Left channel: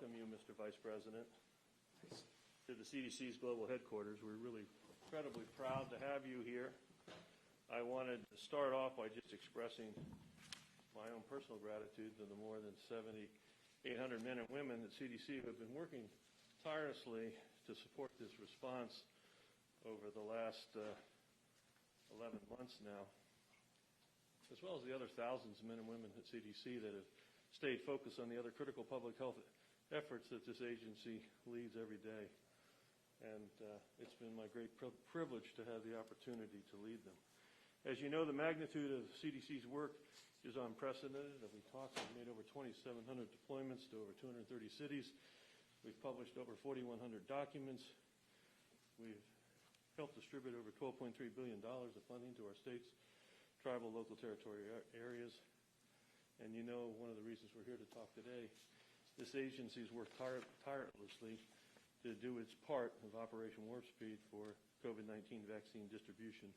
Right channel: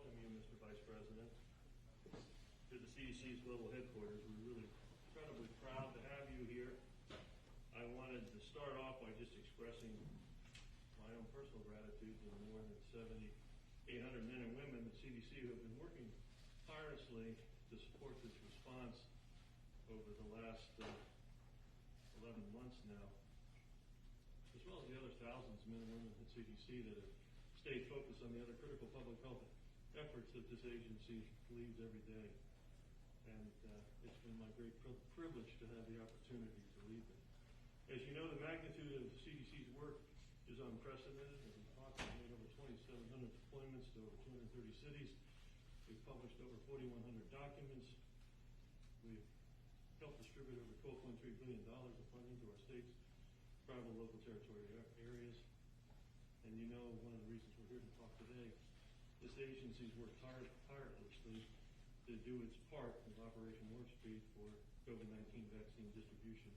welcome you, Mr. Vice President, to the CDC's global headquarters. We're really incredibly proud to have you here. I wanted to start off by just expressing my own personal gratitude to the more than 7,800 men and women at CDC who have been working tirelessly to support this response over the last 11 months now, as well as the other thousands of men and women at CDC that have stayed focused on the other critical public health efforts that this agency leads every day. And it's been my great privilege to have the opportunity to lead them. As you know, the magnitude of CDC's work is unprecedented. As we talked, we've made over 2,700 deployments to over 230 cities. We've published over 4,100 documents. We've helped distribute over $12.3 billion of funding to our states, tribal, local, territory areas. And you know, one of the reasons we're here to talk today, this agency's worked tirelessly to do its part of Operation Warp Speed for COVID-19 vaccine distribution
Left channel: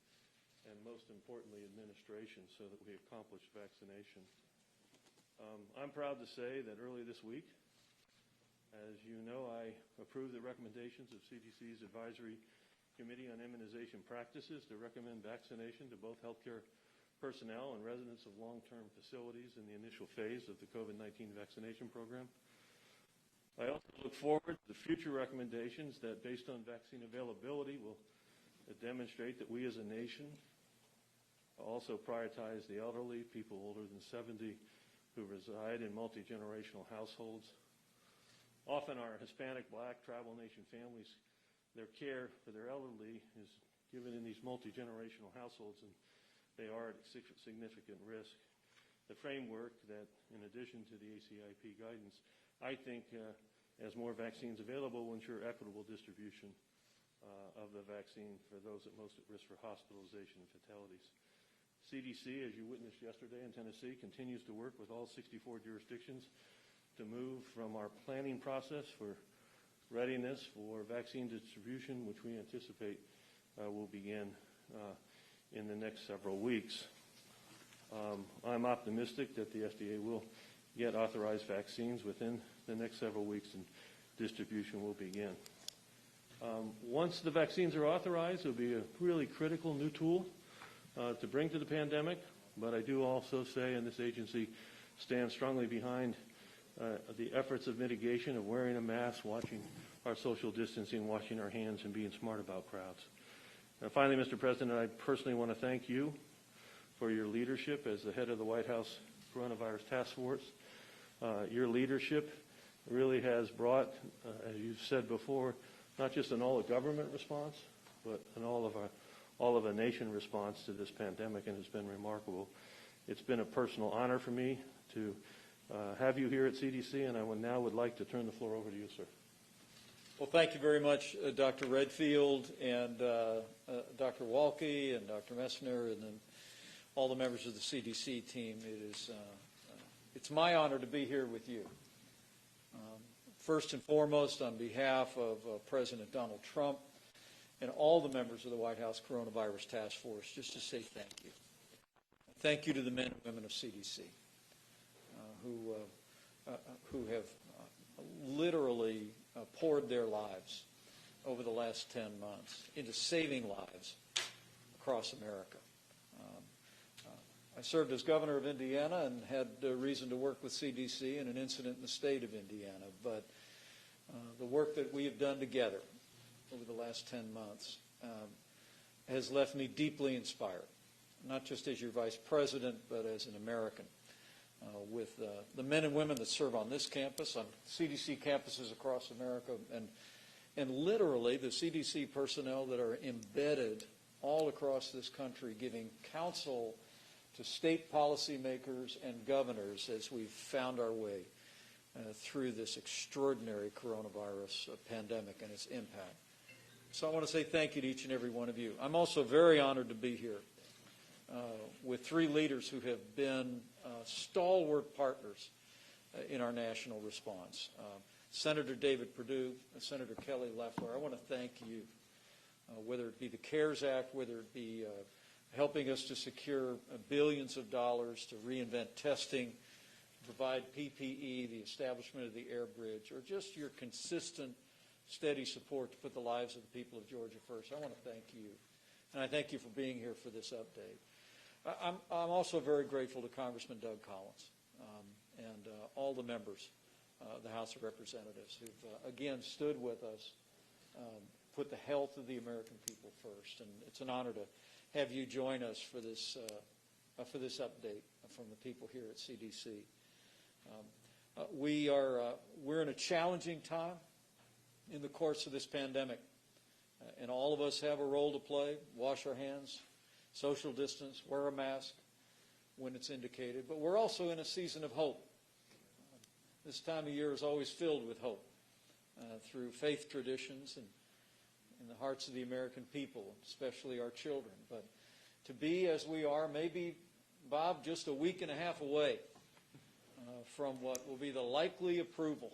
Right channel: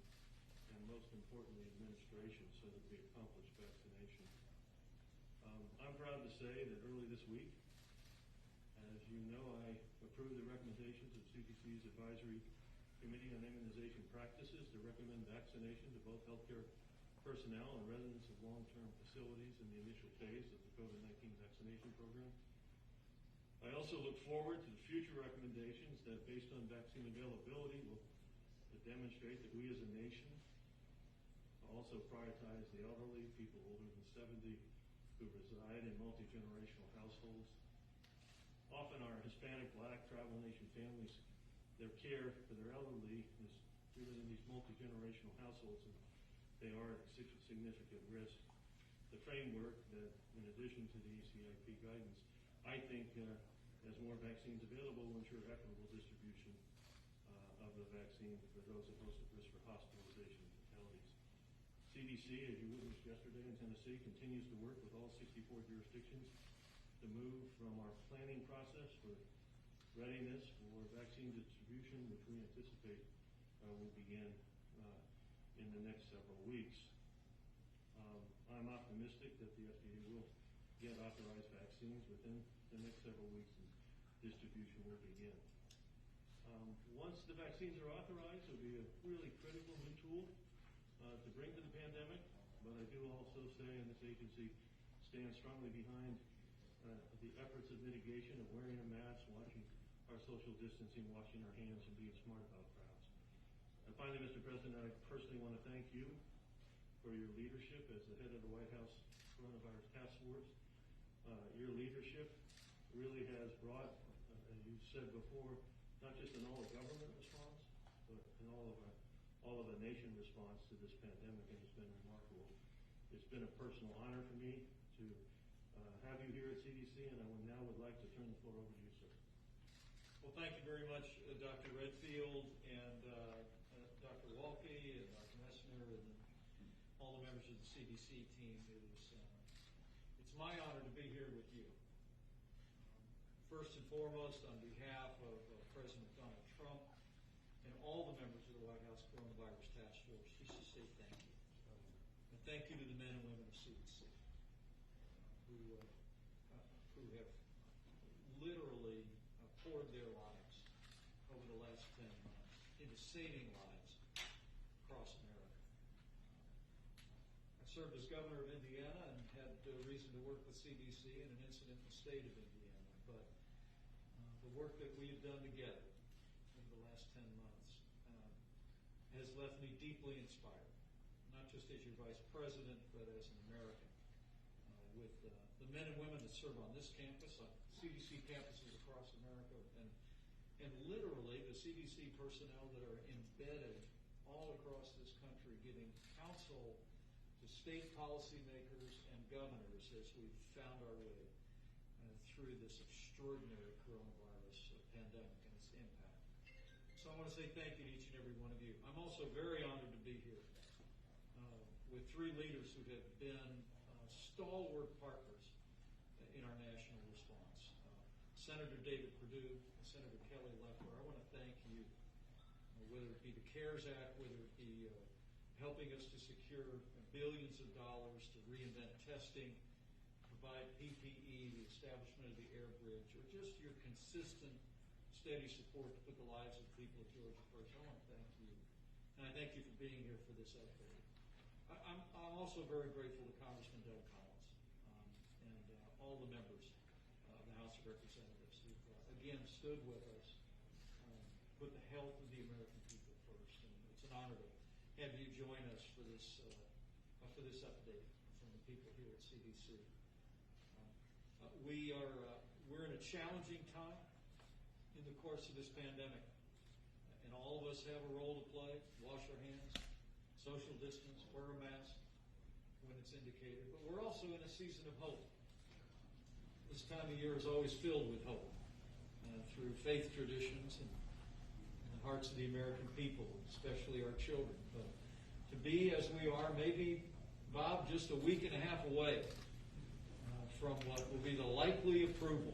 and, most importantly, administration so that we accomplish vaccination. I'm proud to say that early this week, as you know, I approved the recommendations of CDC's Advisory Committee on Immunization Practices to recommend vaccination to both healthcare personnel and residents of long-term facilities in the initial phase of the COVID-19 vaccination program. I also look forward to future recommendations that, based on vaccine availability, will demonstrate that we as a nation also prioritize the elderly, people older than 70 who reside in multi-generational households. Often our Hispanic, Black, tribal nation families, their care for their elderly is given in these multi-generational households, and they are at significant risk. The framework that, in addition to the ACIP guidance, I think as more vaccines available will ensure equitable distribution of the vaccine for those at most at risk for hospitalization and fatalities. CDC, as you witnessed yesterday in Tennessee, continues to work with all 64 jurisdictions to move from our planning process for readiness for vaccine distribution, which we anticipate will begin in the next several weeks. I'm optimistic that the FDA will get authorized vaccines within the next several weeks and distribution will begin. Once the vaccines are authorized, it will be a really critical new tool to bring to the pandemic, but I do also say, and this agency stands strongly behind the efforts of mitigation, of wearing a mask, watching our social distancing, washing our hands, and being smart about crowds. Finally, Mr. President, I personally want to thank you for your leadership as the head of the White House Coronavirus Task Force. Your leadership really has brought, as you've said before, not just an all-of-government response, but an all-of-a-nation response to this pandemic, and it's been remarkable. It's been a personal honor for me to have you here at CDC, and I would like to turn the floor over to you, sir. Well, thank you very much, Dr. Redfield and Dr. Walke and Dr. Messner and then all the members of the CDC team. It's my honor to be here with you. First and foremost, on behalf of President Donald Trump and all the members of the White House Coronavirus Task Force, just to say thank you. Thank you to the men and women of CDC who have literally poured their lives over the last 10 months into saving lives across America. I served as governor of Indiana and had reason to work with CDC in an incident in the state of Indiana, but the work that we have done together over the last 10 months has left me deeply inspired, not just as your vice president, but as an American. With the men and women that serve on this campus, on CDC campuses across America, and literally the CDC personnel that are embedded all across this country giving counsel to state policymakers and governors as we've found our way through this extraordinary coronavirus pandemic and its impact. So I want to say thank you to each and every one of you. I'm also very honored to be here with three leaders who have been stalwart partners in our national response. Senator David Perdue, Senator Kelly Loeffler, I want to thank you, whether it be the CARES Act, whether it be helping us to secure billions of dollars to reinvent testing, provide PPE, the establishment of the air bridge, or just your consistent, steady support to put the lives of the people of Georgia first. I want to thank you. And I thank you for being here for this update. I'm also very grateful to Congressman Doug Collins and all the members of the House of Representatives who've, again, stood with us, put the health of the American people first. And it's an honor to have you join us for this update from the people here at CDC. We're in a challenging time in the course of this pandemic, and all of us have a role to play. Wash our hands, social distance, wear a mask when it's indicated. But we're also in a season of hope. This time of year is always filled with hope through faith traditions and in the hearts of the American people, especially our children. But to be as we are, maybe, Bob, just a week and a half away from what will be the likely approval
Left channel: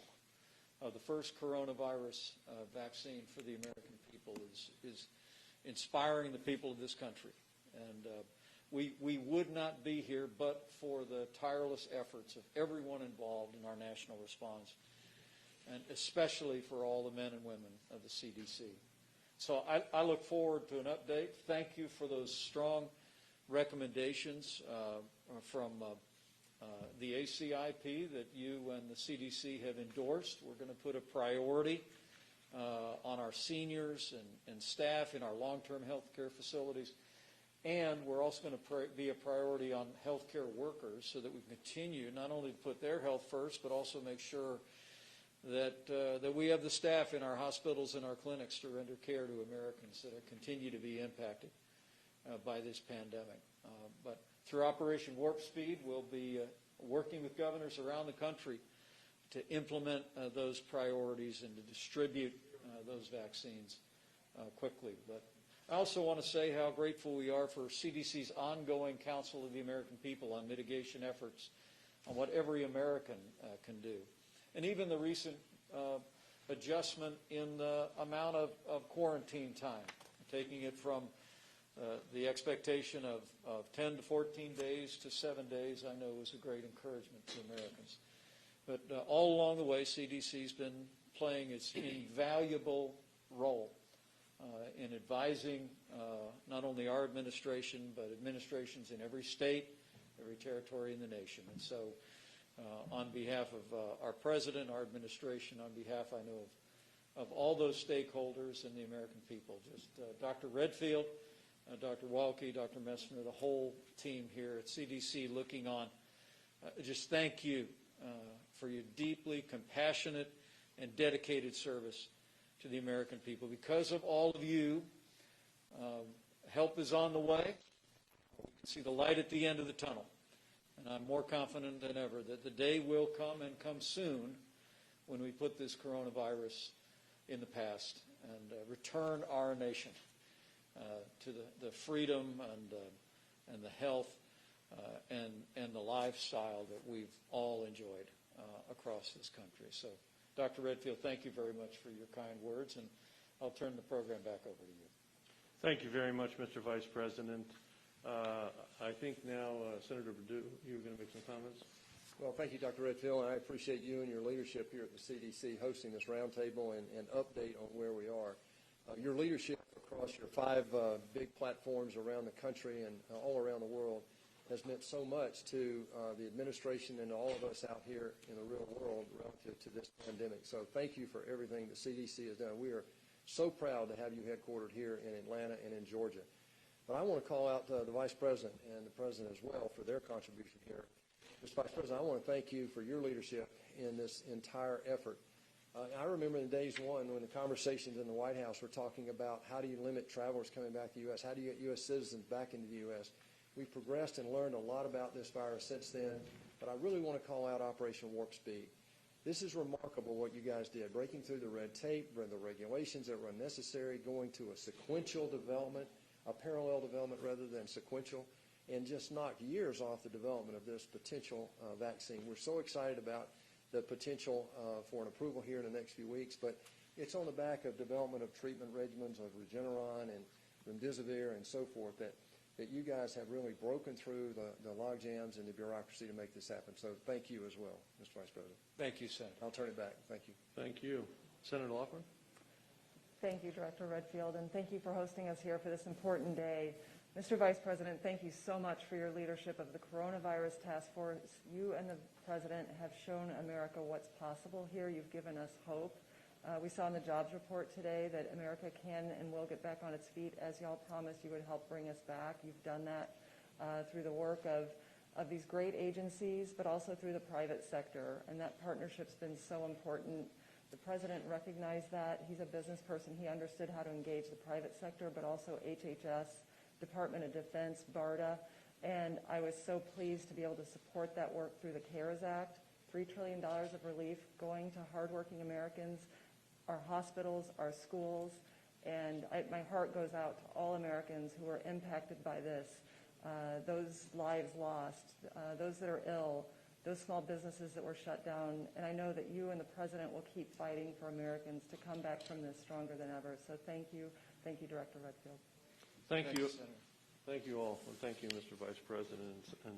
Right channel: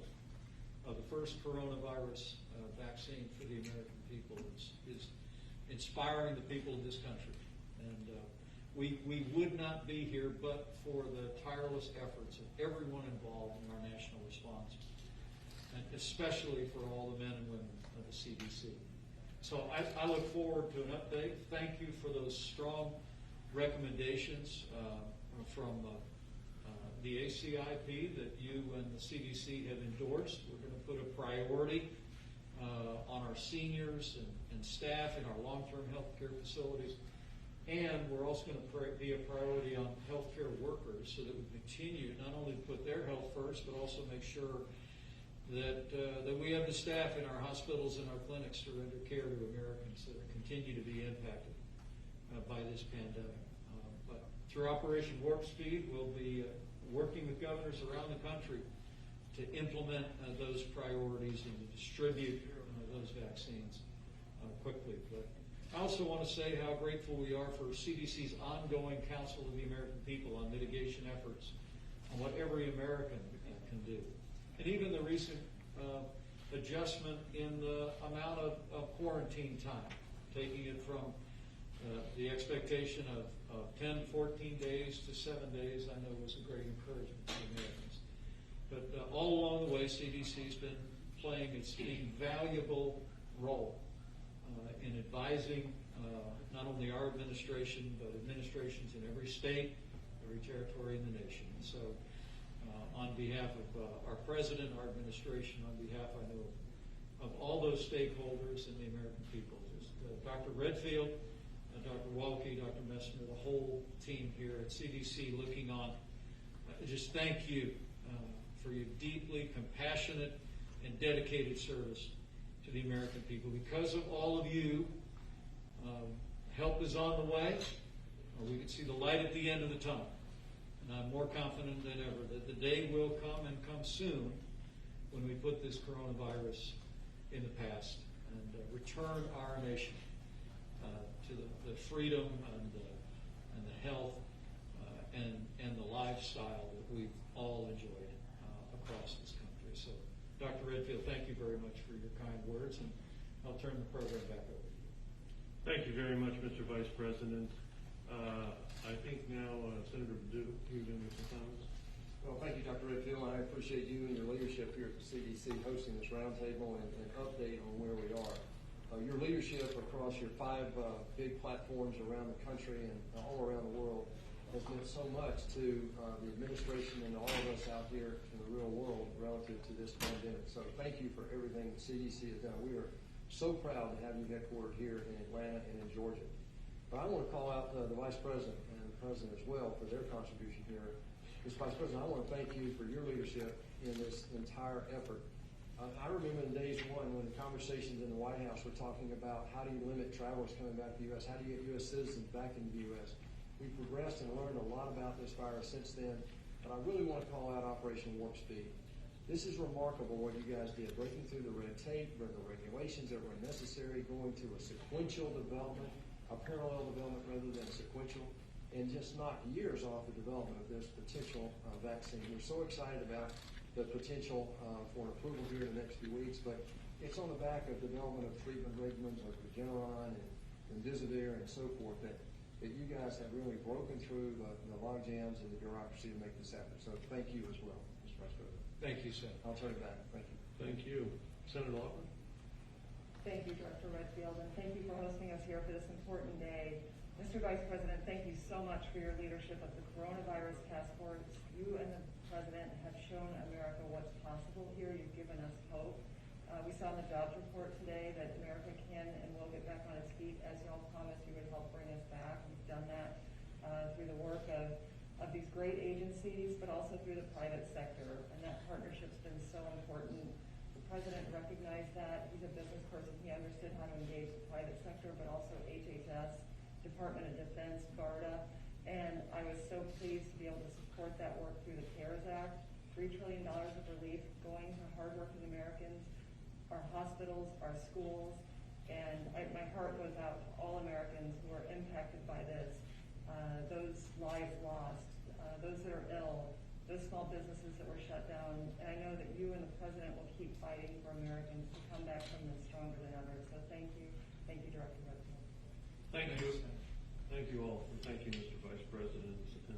of the first coronavirus vaccine for the American people is inspiring the people of this country. And we would not be here but for the tireless efforts of everyone involved in our national response, and especially for all the men and women of the CDC. So I look forward to an update. Thank you for those strong recommendations from the ACIP that you and the CDC have endorsed. We're going to put a priority on our seniors and staff in our long-term health care facilities. And we're also going to be a priority on healthcare workers so that we continue not only to put their health first, but also make sure that we have the staff in our hospitals and our clinics to render care to Americans that continue to be impacted by this pandemic. But through Operation Warp Speed, we'll be working with governors around the country to implement those priorities and to distribute those vaccines quickly. But I also want to say how grateful we are for CDC's ongoing Council of the American People on mitigation efforts on what every American can do. And even the recent adjustment in the amount of quarantine time, taking it from the expectation of 10 to 14 days to 7 days, I know was a great encouragement to Americans. But all along the way, CDC's been playing its invaluable role in advising not only our administration, but administrations in every state, every territory in the nation. And so on behalf of our president, our administration, on behalf, I know, of all those stakeholders and the American people, just Dr. Redfield, Dr. Walke, Dr. Messner, the whole team here at CDC looking on, just thank you for your deeply compassionate and dedicated service to the American people. Because of all of you, help is on the way. We can see the light at the end of the tunnel. And I'm more confident than ever that the day will come and come soon when we put this coronavirus in the past and return our nation to the freedom and the health and the lifestyle that we've all enjoyed across this country. So, Dr. Redfield, thank you very much for your kind words, and I'll turn the program back over to you. Thank you very much, Mr. Vice President. I think now, Senator Perdue, you're going to make some comments. Well, thank you, Dr. Redfield. I appreciate you and your leadership here at the CDC hosting this roundtable and update on where we are. Your leadership across your 5 big platforms around the country and all around the world has meant so much to the administration and all of us out here in the real world relative to this pandemic. So thank you for everything the CDC has done. We are so proud to have you headquartered here in Atlanta and in Georgia. But I want to call out the Vice President and the President as well for their contribution here. Mr. Vice President, I want to thank you for your leadership in this entire effort. I remember in days one when the conversations in the White House were talking about how do you limit travelers coming back to the U.S., how do you get U.S. citizens back into the U.S. We've progressed and learned a lot about this virus since then, but I really want to call out Operation Warp Speed. This is remarkable what you guys did, breaking through the red tape, the regulations that were necessary, going to a sequential development, a parallel development rather than sequential, and just knocked years off the development of this potential vaccine. We're so excited about the potential for an approval here in the next few weeks, but it's on the back of development of treatment regimens of Regeneron and Remdesivir and so forth that that you guys have really broken through the log jams and the bureaucracy to make this happen. So thank you as well, Mr. Vice President. Thank you, Senator. I'll turn it back. Thank you. Thank you. Senator Laughlin? Thank you, Director Redfield, and thank you for hosting us here for this important day. Mr. Vice President, thank you so much for your leadership of the Coronavirus Task Force. You and the President have shown America what's possible here. You've given us hope. We saw in the jobs report today that America can and will get back on its feet, as y'all promised you would help bring us back. You've done that through the work of these great agencies, but also through the private sector, and that partnership's been so important. The President recognized that. He's a business person. He understood how to engage the private sector, but also HHS, Department of Defense, BARDA, and I was so pleased to be able to support that work through the CARES Act, $3 trillion of relief going to hardworking Americans, our hospitals, our schools, and my heart goes out to all Americans who are impacted by this, those lives lost, those that are ill, those small businesses that were shut down, and I know that you and the President will keep fighting for Americans to come back from this stronger than ever. So thank you, Director Redfield. Thank you. Thank you all. And thank you, Mr. Vice President, and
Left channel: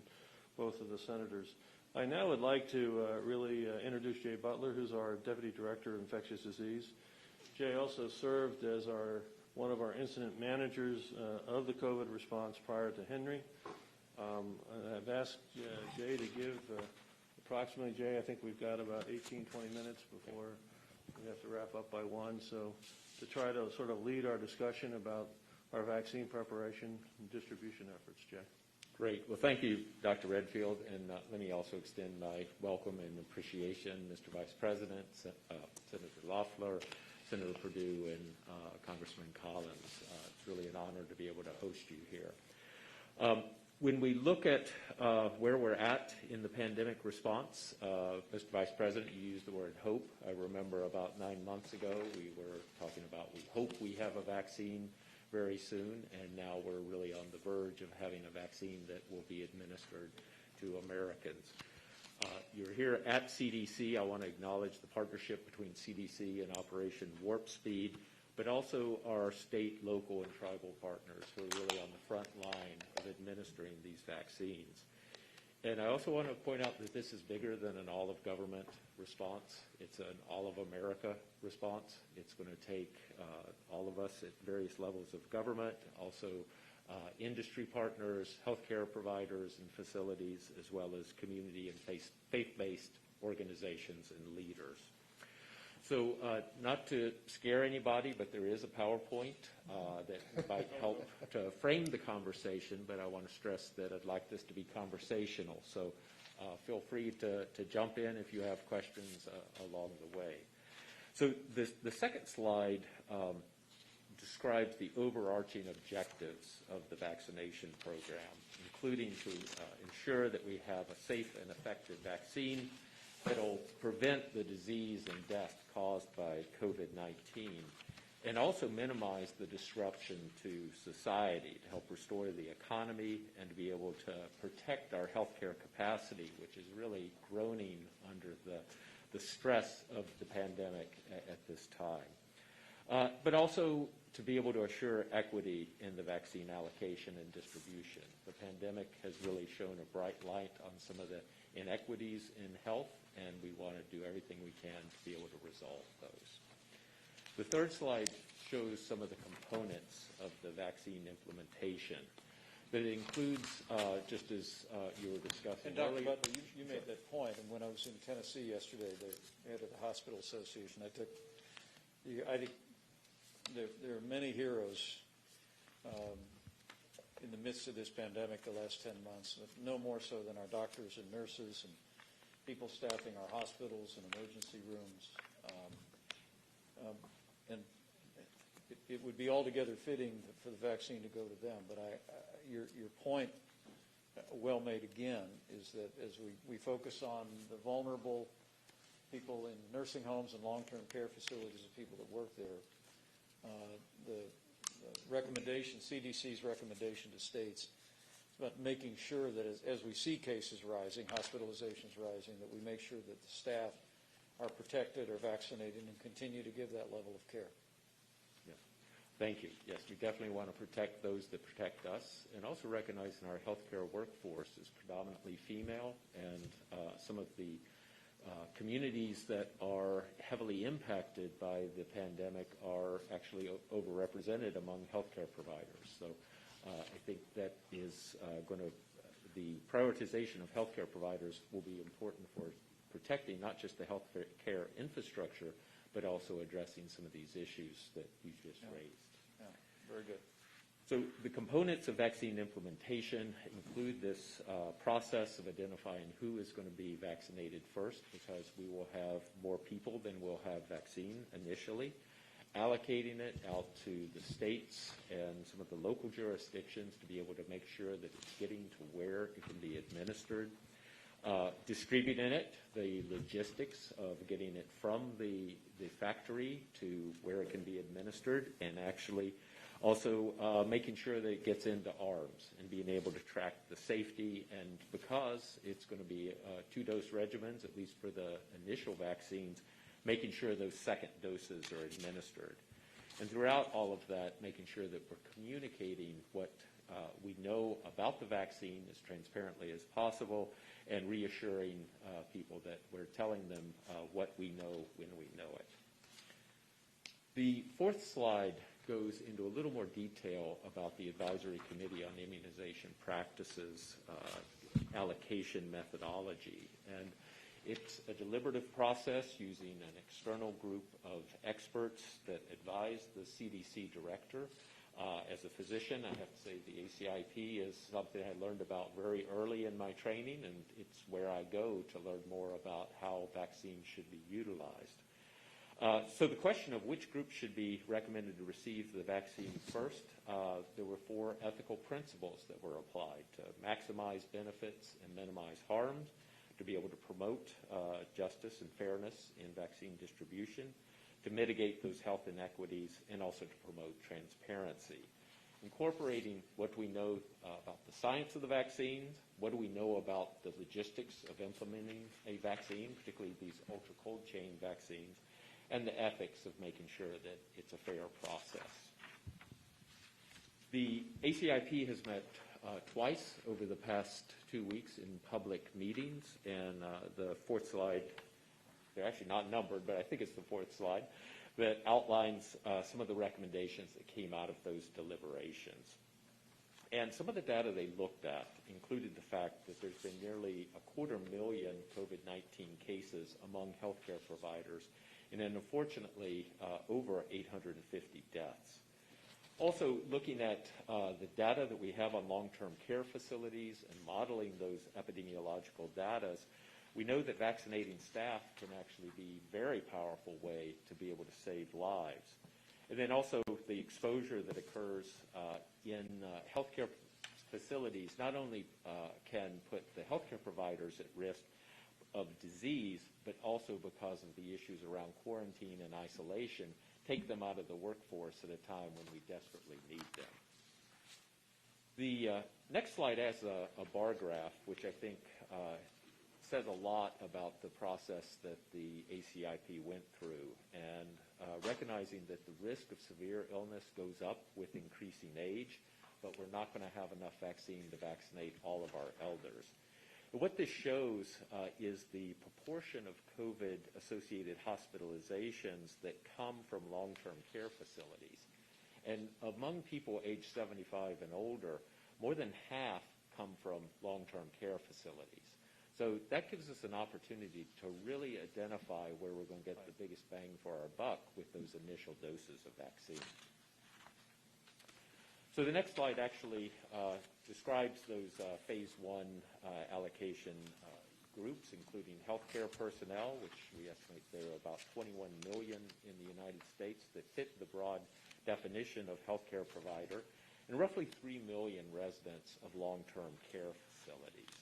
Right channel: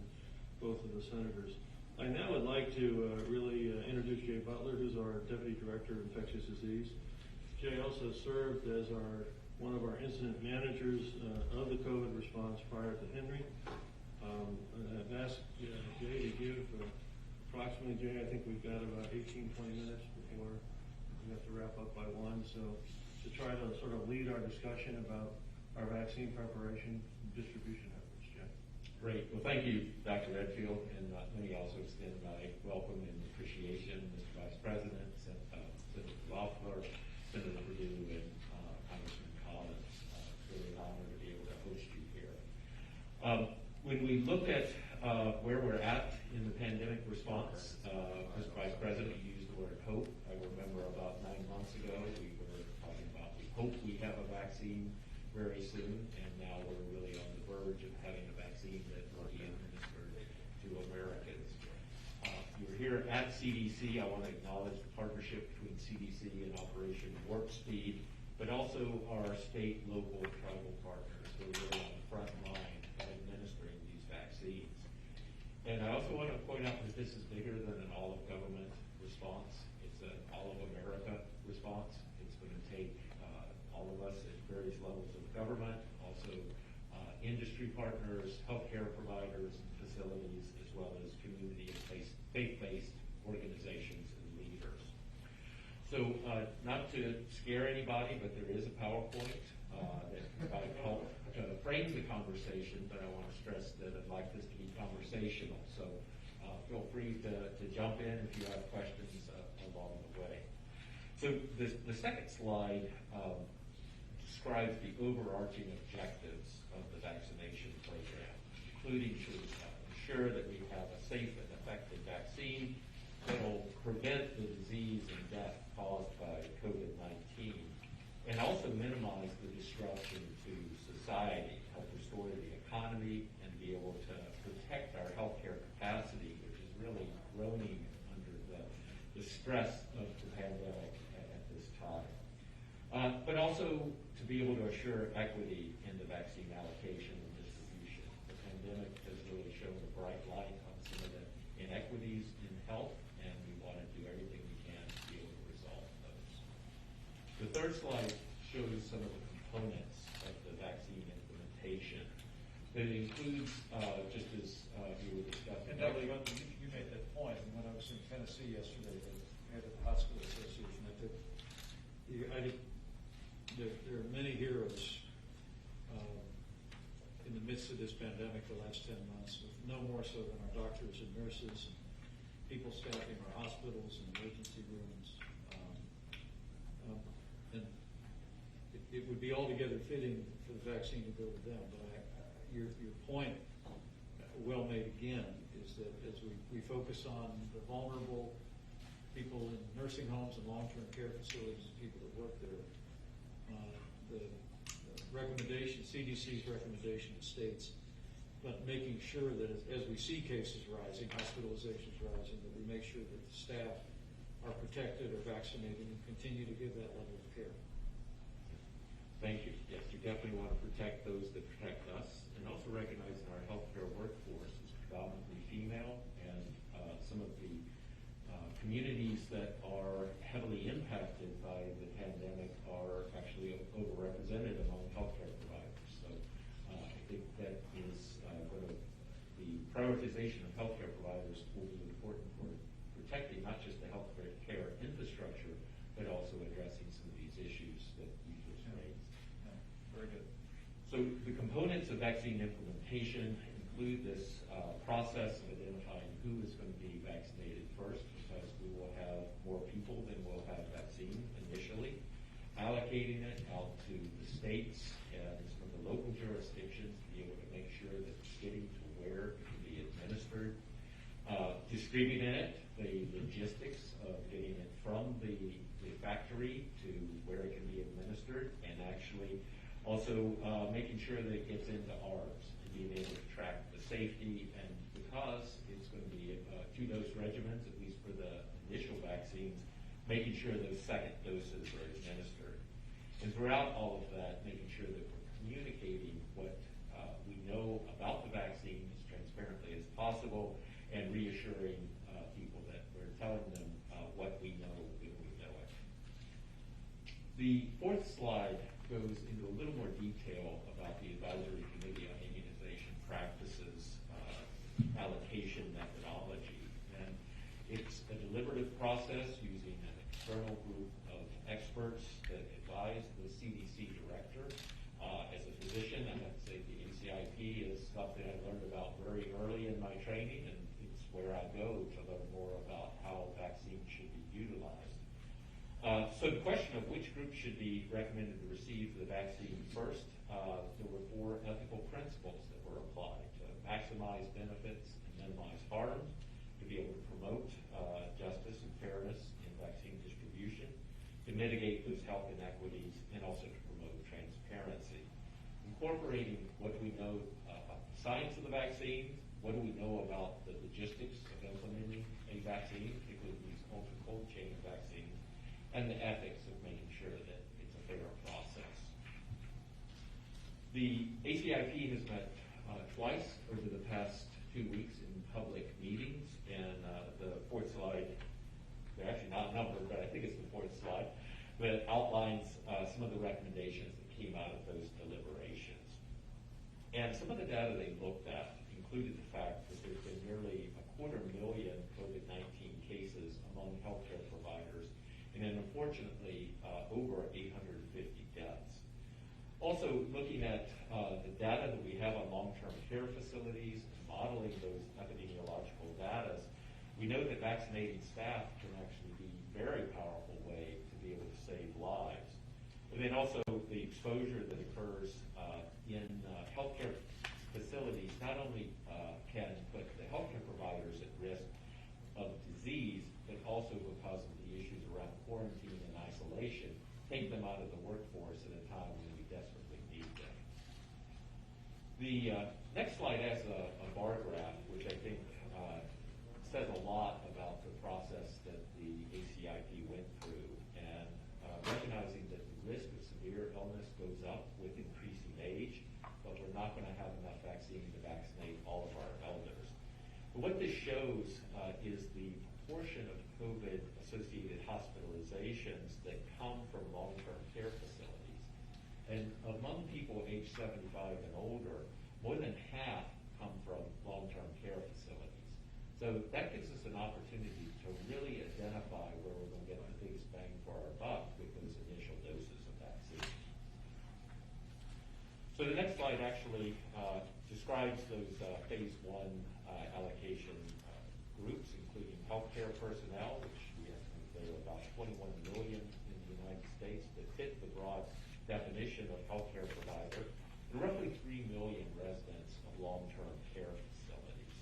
both of the senators. I now would like to really introduce Jay Butler, who's our Deputy Director of Infectious Disease. Jay also served as one of our incident managers of the COVID response prior to Henry. I've asked Jay to give approximately, Jay, I think we've got about 18, 20 minutes before we have to wrap up by 1. So to try to sort of lead our discussion about our vaccine preparation and distribution efforts, Jay. Great. Well, thank you, Dr. Redfield, and let me also extend my welcome and appreciation, Mr. Vice President, Senator Loeffler, Senator Perdue, and Congressman Collins. It's really an honor to be able to host you here. When we look at where we're at in the pandemic response, Mr. Vice President, you used the word hope. I remember about 9 months ago, we were talking about we hope we have a vaccine very soon, and now we're really on the verge of having a vaccine that will be administered to Americans. You're here at CDC. I want to acknowledge the partnership between CDC and Operation Warp Speed, but also our state, local, and tribal partners who are really on the front line of administering these vaccines. And I also want to point out that this is bigger than an all-of-government response. It's an all-of-America response. It's going to take all of us at various levels of government, also industry partners, healthcare providers and facilities, as well as community and faith-based organizations and leaders. So not to scare anybody, but there is a PowerPoint that might help to frame the conversation, but I want to stress that I'd like this to be conversational. So feel free to jump in if you have questions along the way. So the second slide describes the overarching objectives of the vaccination program, including to ensure that we have a safe and effective vaccine that will prevent the disease and death caused by COVID-19, and also minimize the disruption to society, help restore the economy, and to be able to protect our healthcare capacity, which is really groaning under the stress of the pandemic at this time. But also to be able to assure equity in the vaccine allocation and distribution. The pandemic has really shown a bright light on some of the inequities in health, and we want to do everything we can to be able to resolve those. The third slide shows some of the components of the vaccine implementation, but it includes, just as you were discussing. And Dr. Butler, you made that point, and when I was in Tennessee yesterday, at the Hospital Association, there are many heroes in the midst of this pandemic the last 10 months, no more so than our doctors and nurses and people staffing our hospitals and emergency rooms. And it would be altogether fitting for the vaccine to go to them. But your point, well made again, is that as we focus on the vulnerable people in nursing homes and long-term care facilities and people that work there, the recommendation, CDC's recommendation to states about making sure that as we see cases rising, hospitalizations rising, that we make sure that the staff are protected or vaccinated and continue to give that level of care. Thank you. Yes, you definitely want to protect those that protect us, and also recognizing our healthcare workforce is predominantly female, and some of the communities that are heavily impacted by the pandemic are actually overrepresented among healthcare providers. So I think that is going to, the prioritization of healthcare providers will be important for protecting not just the healthcare infrastructure, but also addressing some of these issues that you just raised. Very good. So the components of vaccine implementation include this process of identifying who is going to be vaccinated first, because we will have more people than will have vaccine initially, allocating it out to the states and some of the local jurisdictions to be able to make sure that it's getting to where it can be administered, distributing it, the logistics of getting it from the factory to where it can be administered, and actually also making sure that it gets into ARBs and being able to track the safety. And because it's going to be 2-dose regimens, at least for the initial vaccines, making sure those second doses are administered. And throughout all of that, making sure that we're communicating what we know about the vaccine as transparently as possible, and reassuring people that we're telling them what we know when we know it. The fourth slide goes into a little more detail about the Advisory Committee on Immunization Practices allocation methodology. And it's a deliberative process using an external group of experts that advise the CDC director. As a physician, I have to say the ACIP is something I learned about very early in my training, and it's where I go to learn more about how vaccines should be utilized. So the question of which group should be recommended to receive the vaccine first, there were 4 ethical principles that were applied to maximize benefits and minimize harms, to be able to promote justice and fairness in vaccine distribution, to mitigate those health inequities, and also to promote transparency. Incorporating what we know about the science of the vaccines, what do we know about the logistics of implementing a vaccine, particularly these ultra-cold chain vaccines, and the ethics of making sure that it's a fair process. The ACIP has met twice over the past 2 weeks in public meetings, and the fourth slide, they're actually not numbered, but I think it's the fourth slide, that outlines some of the recommendations that came out of those deliberations. And some of the data they looked at included the fact that there's been nearly 250,000 COVID-19 cases among healthcare providers, and then unfortunately over 850 deaths. Also looking at the data that we have on long-term care facilities and modeling those epidemiological data, we know that vaccinating staff can actually be a very powerful way to be able to save lives. And then also the exposure that occurs in healthcare facilities not only can put the healthcare providers at risk of disease, but also because of the issues around quarantine and isolation, take them out of the workforce at a time when we desperately need them. The next slide has a bar graph, which I think says a lot about the process that the ACIP went through, and recognizing that the risk of severe illness goes up with increasing age, but we're not going to have enough vaccine to vaccinate all of our elders. But what this shows is the proportion of COVID-associated hospitalizations that come from long-term care facilities. And among people aged 75 and older, more than half come from long-term care facilities. So that gives us an opportunity to really identify where we're going to get the biggest bang for our buck with those initial doses of vaccine. So the next slide actually describes those phase 1 allocation groups, including healthcare personnel, which we estimate there are about 21 million in the United States that fit the broad definition of healthcare provider, and roughly 3 million residents of long-term care facilities.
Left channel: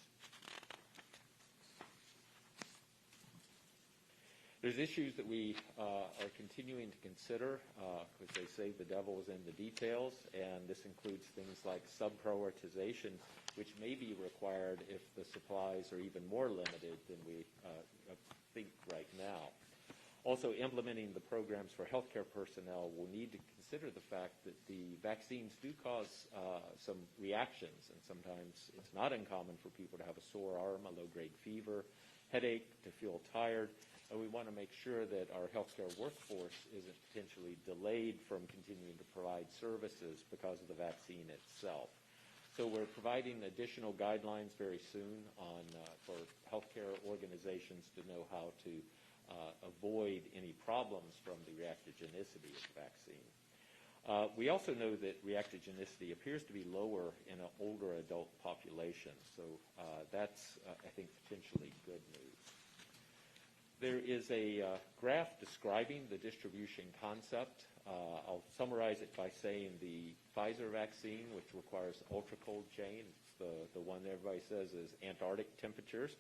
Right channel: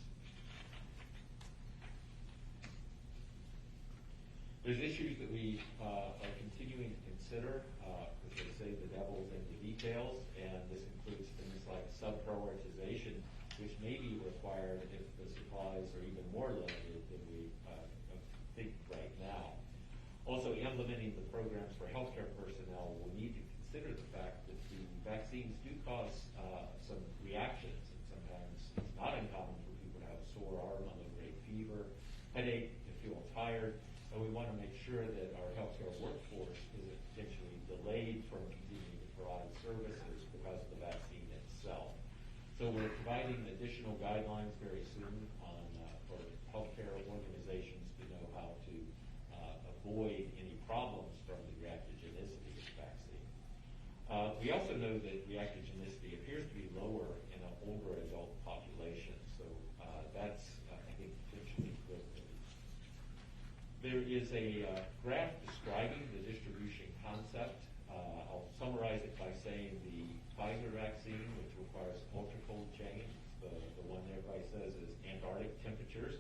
There's issues that we are continuing to consider. As they say, the devil is in the details, and this includes things like sub-prioritization, which may be required if the supplies are even more limited than we think right now. Also, implementing the programs for healthcare personnel will need to consider the fact that the vaccines do cause some reactions, and sometimes it's not uncommon for people to have a sore arm, a low-grade fever, headache, to feel tired, and we want to make sure that our healthcare workforce isn't potentially delayed from continuing to provide services because of the vaccine itself. So we're providing additional guidelines very soon on for healthcare organizations to know how to avoid any problems from the reactogenicity of the vaccine. We also know that reactogenicity appears to be lower in an older adult population, so that's, I think, potentially good news. There is a graph describing the distribution concept. I'll summarize it by saying the Pfizer vaccine, which requires ultra-cold chain, the one that everybody says is Antarctic temperatures,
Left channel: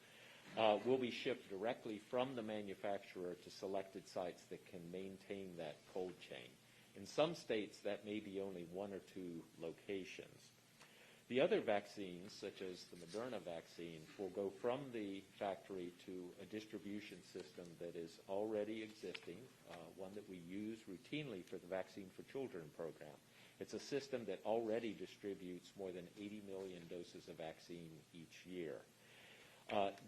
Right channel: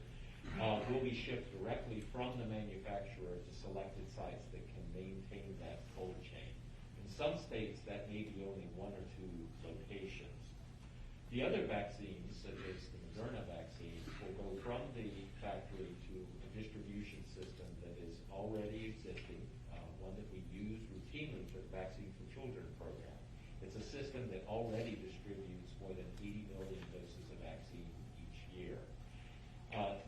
will be shipped directly from the manufacturer to selected sites that can maintain that cold chain. In some states, that may be only 1 or 2 locations. The other vaccines, such as the Moderna vaccine, will go from the factory to a distribution system that is already existing, one that we use routinely for the Vaccine for Children program. It's a system that already distributes more than 80 million doses of vaccine each year.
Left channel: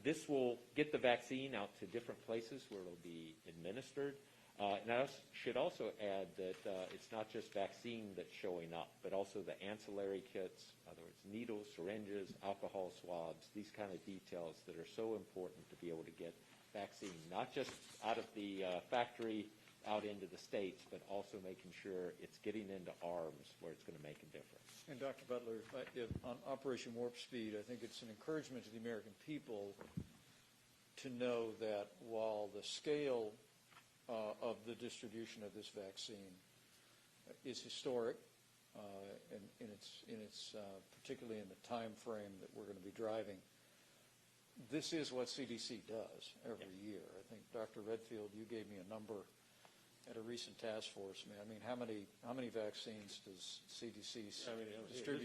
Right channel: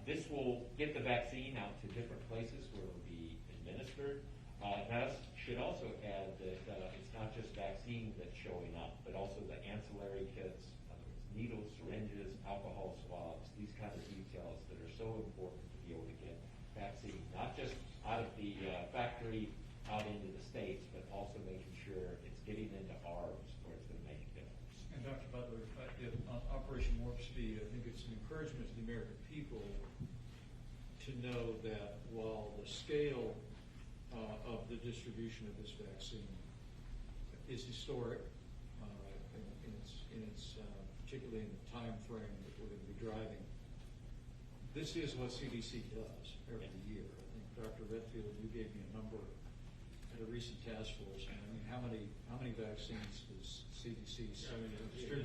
This will get the vaccine out to different places where it will be administered. And I should also add that it's not just vaccine that's showing up, but also the ancillary kits, in other words, needles, syringes, alcohol swabs, these kind of details that are so important to be able to get vaccine, not just out of the factory out into the states, but also making sure it's getting into arms where it's going to make a difference. And Dr. Butler, on Operation Warp Speed, I think it's an encouragement to the American people to know that while the scale of the distribution of this vaccine is historic, particularly in the time frame that we're going to be driving, this is what CDC does every year. I think Dr. Redfield, you gave me a number at a recent task force. I mean, how many vaccines does CDC distribute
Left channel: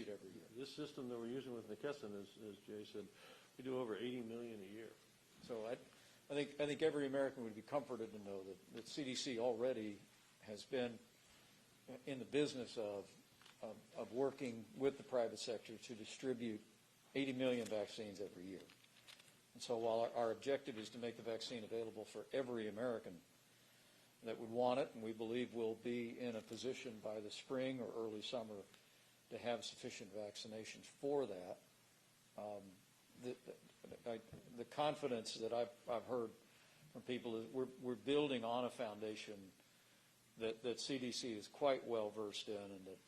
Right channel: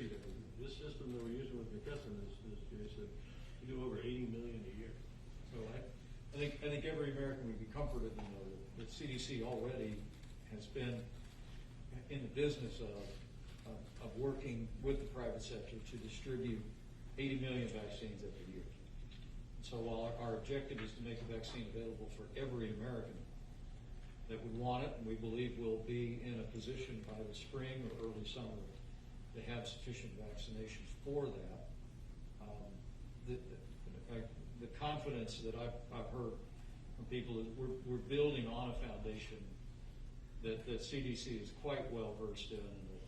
every year? This system that we're using with McKesson, as Jay said, we do over 80 million a year. So I think every American would be comforted to know that CDC already has been in the business of working with the private sector to distribute 80 million vaccines every year. And so while our objective is to make the vaccine available for every American that would want it, and we believe we'll be in a position by the spring or early summer to have sufficient vaccination for that, the confidence that I've heard from people is we're building on a foundation that CDC is quite well versed in, and that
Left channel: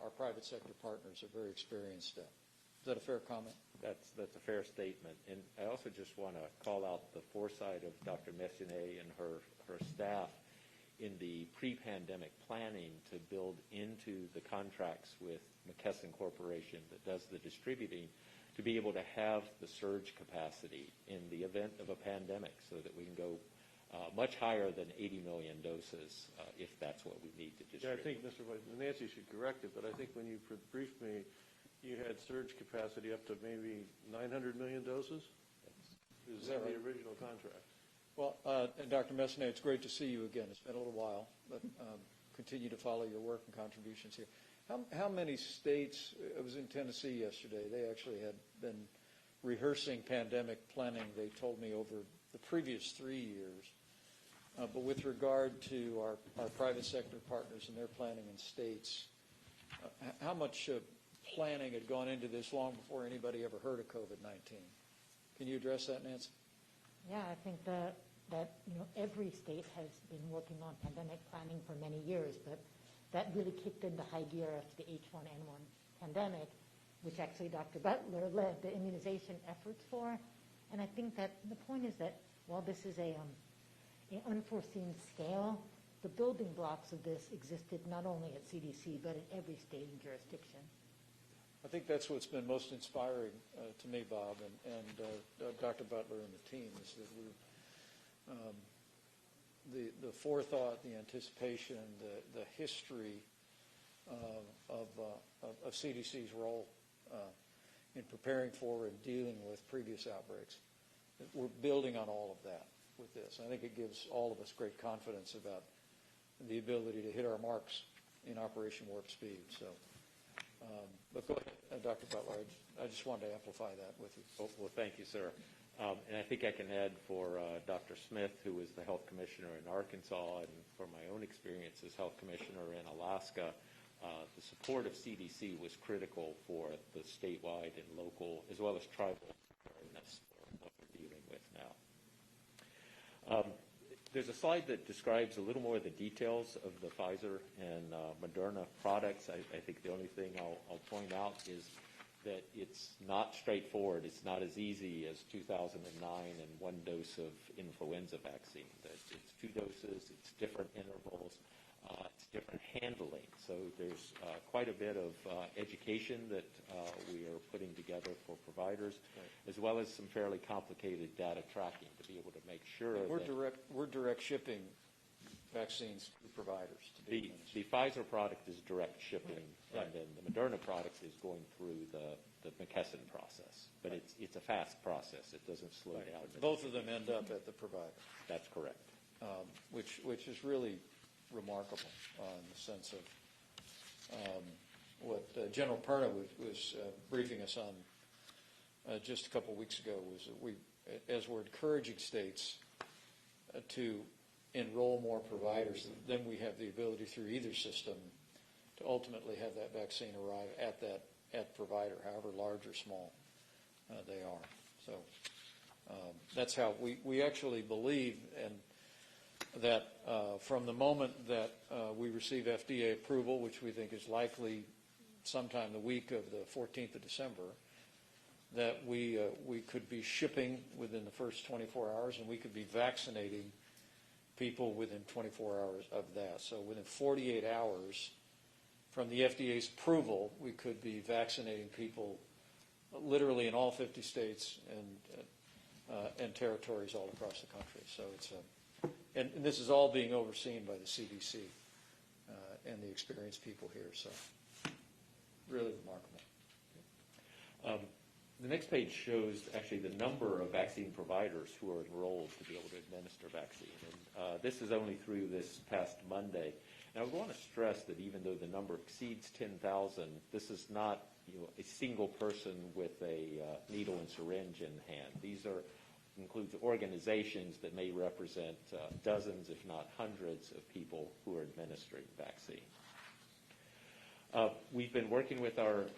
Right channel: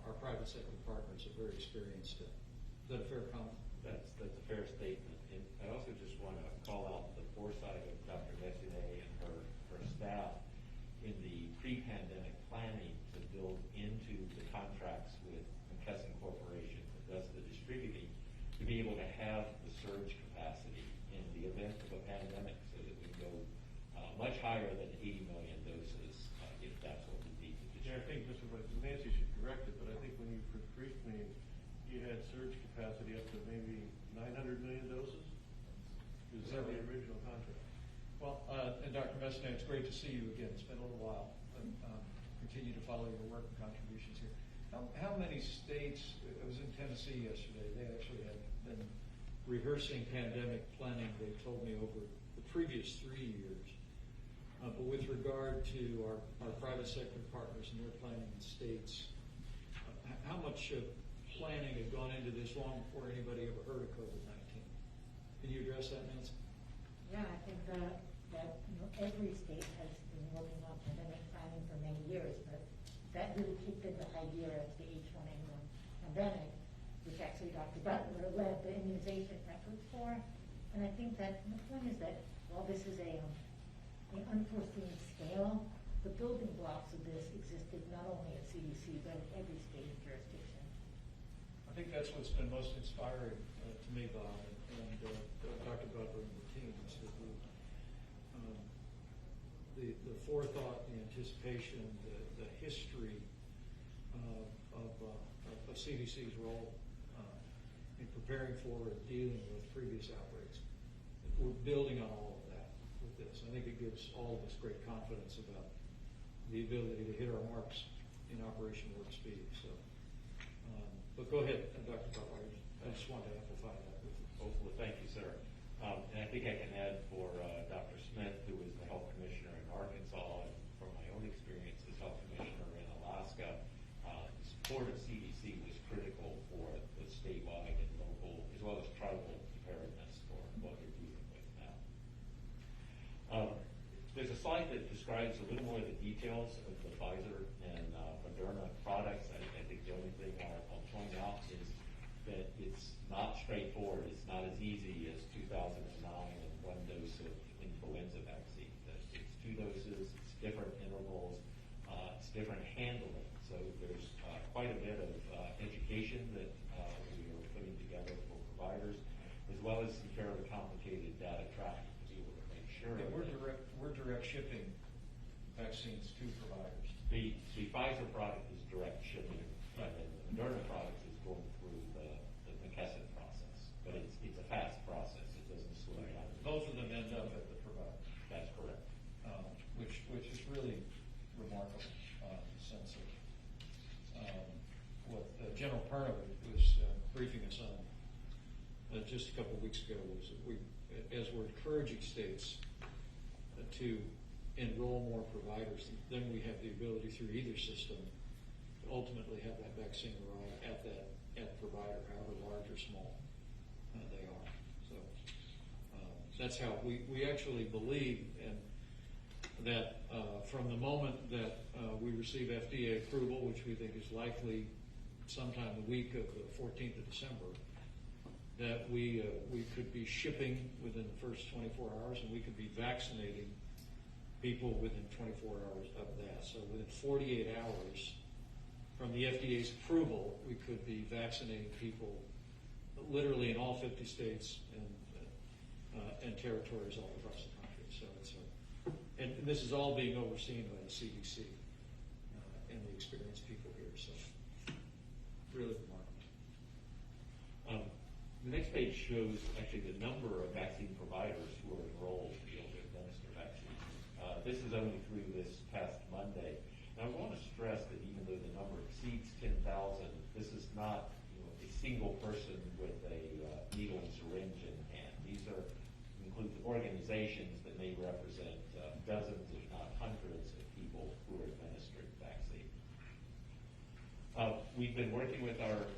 our private sector partners are very experienced in. Is that a fair comment? That's a fair statement. And I also just want to call out the foresight of Dr. Messinet and her staff in the pre-pandemic planning to build into the contracts with McKesson Corporation that does the distributing to be able to have the surge capacity in the event of a pandemic so that we can go much higher than 80 million doses if that's what we need to distribute. Yeah, I think Mr. Nancy should correct it, but I think when you briefed me, you had surge capacity up to maybe 900 million doses? Is that the original contract? Well, and Dr. Messinet, it's great to see you again. It's been a little while, but continue to follow your work and contributions here. How many states, I was in Tennessee yesterday, they actually had been rehearsing pandemic planning, they told me, over the previous 3 years. But with regard to our private sector partners and their planning in states, how much planning had gone into this long before anybody ever heard of COVID-19? Can you address that, Nancy? Yeah, I think that every state has been working on pandemic planning for many years, but that really kicked into high gear as the H1N1 pandemic, which actually Dr. Butler led the immunization efforts for. And I think that the point is that while this is an unforeseen scale, the building blocks of this existed not only at CDC, but at every state and jurisdiction. I think that's what's been most inspiring to me, Bob, and Dr. Butler and the team. Is the forethought, the anticipation, the history of CDC's role in preparing for it, dealing with previous outbreaks. We're building on all of that with this. I think it gives all of us great confidence about the ability to hit our marks in Operation Warp Speed. So, but go ahead, Dr. Butler. I just wanted to amplify that with you. Oh, well, thank you, sir. And I think I can add for Dr. Smith, who is the health commissioner in Arkansas, and from my own experience as health commissioner in Alaska, the support of CDC was critical for the statewide and local, as well as tribal preparedness for what we're dealing with now. There's a slide that describes a little more of the details of the Pfizer and Moderna products. I think the only thing I'll point out is that it's not straightforward. It's not as easy as 2009 and one dose of influenza vaccine. It's 2 doses, it's different intervals, it's different handling. So there's quite a bit of education that we are putting together for providers, as well as some fairly complicated data tracking to be able to make sure. We're direct shipping vaccines to providers. The Pfizer product is direct shipping, and then the Moderna product is going through the McKesson process. But it's a fast process. It doesn't slow down. Both of them end up at the provider. That's correct. Which is really remarkable in the sense of what General Perna was briefing us on just a couple of weeks ago was that as we're encouraging states to enroll more providers, then we have the ability through either system to ultimately have that vaccine arrive at provider, however large or small they are. So that's how we actually believe, and that from the moment that we receive FDA approval, which we think is likely sometime the week of the 14th of December, that we could be shipping within the first 24 hours, and we could be vaccinating people within 24 hours of that. So within 48 hours from the FDA's approval, we could be vaccinating people literally in all 50 states and territories all across the country. So it's and this is all being overseen by the CDC and the experienced people here. So really remarkable. The next page shows actually the number of vaccine providers who are enrolled to be able to administer vaccines. This is only through this past Monday. And I want to stress that even though the number exceeds 10,000, this is not a single person with a needle and syringe in hand. These includes organizations that may represent dozens, if not hundreds, of people who are administering vaccine. We've been working with our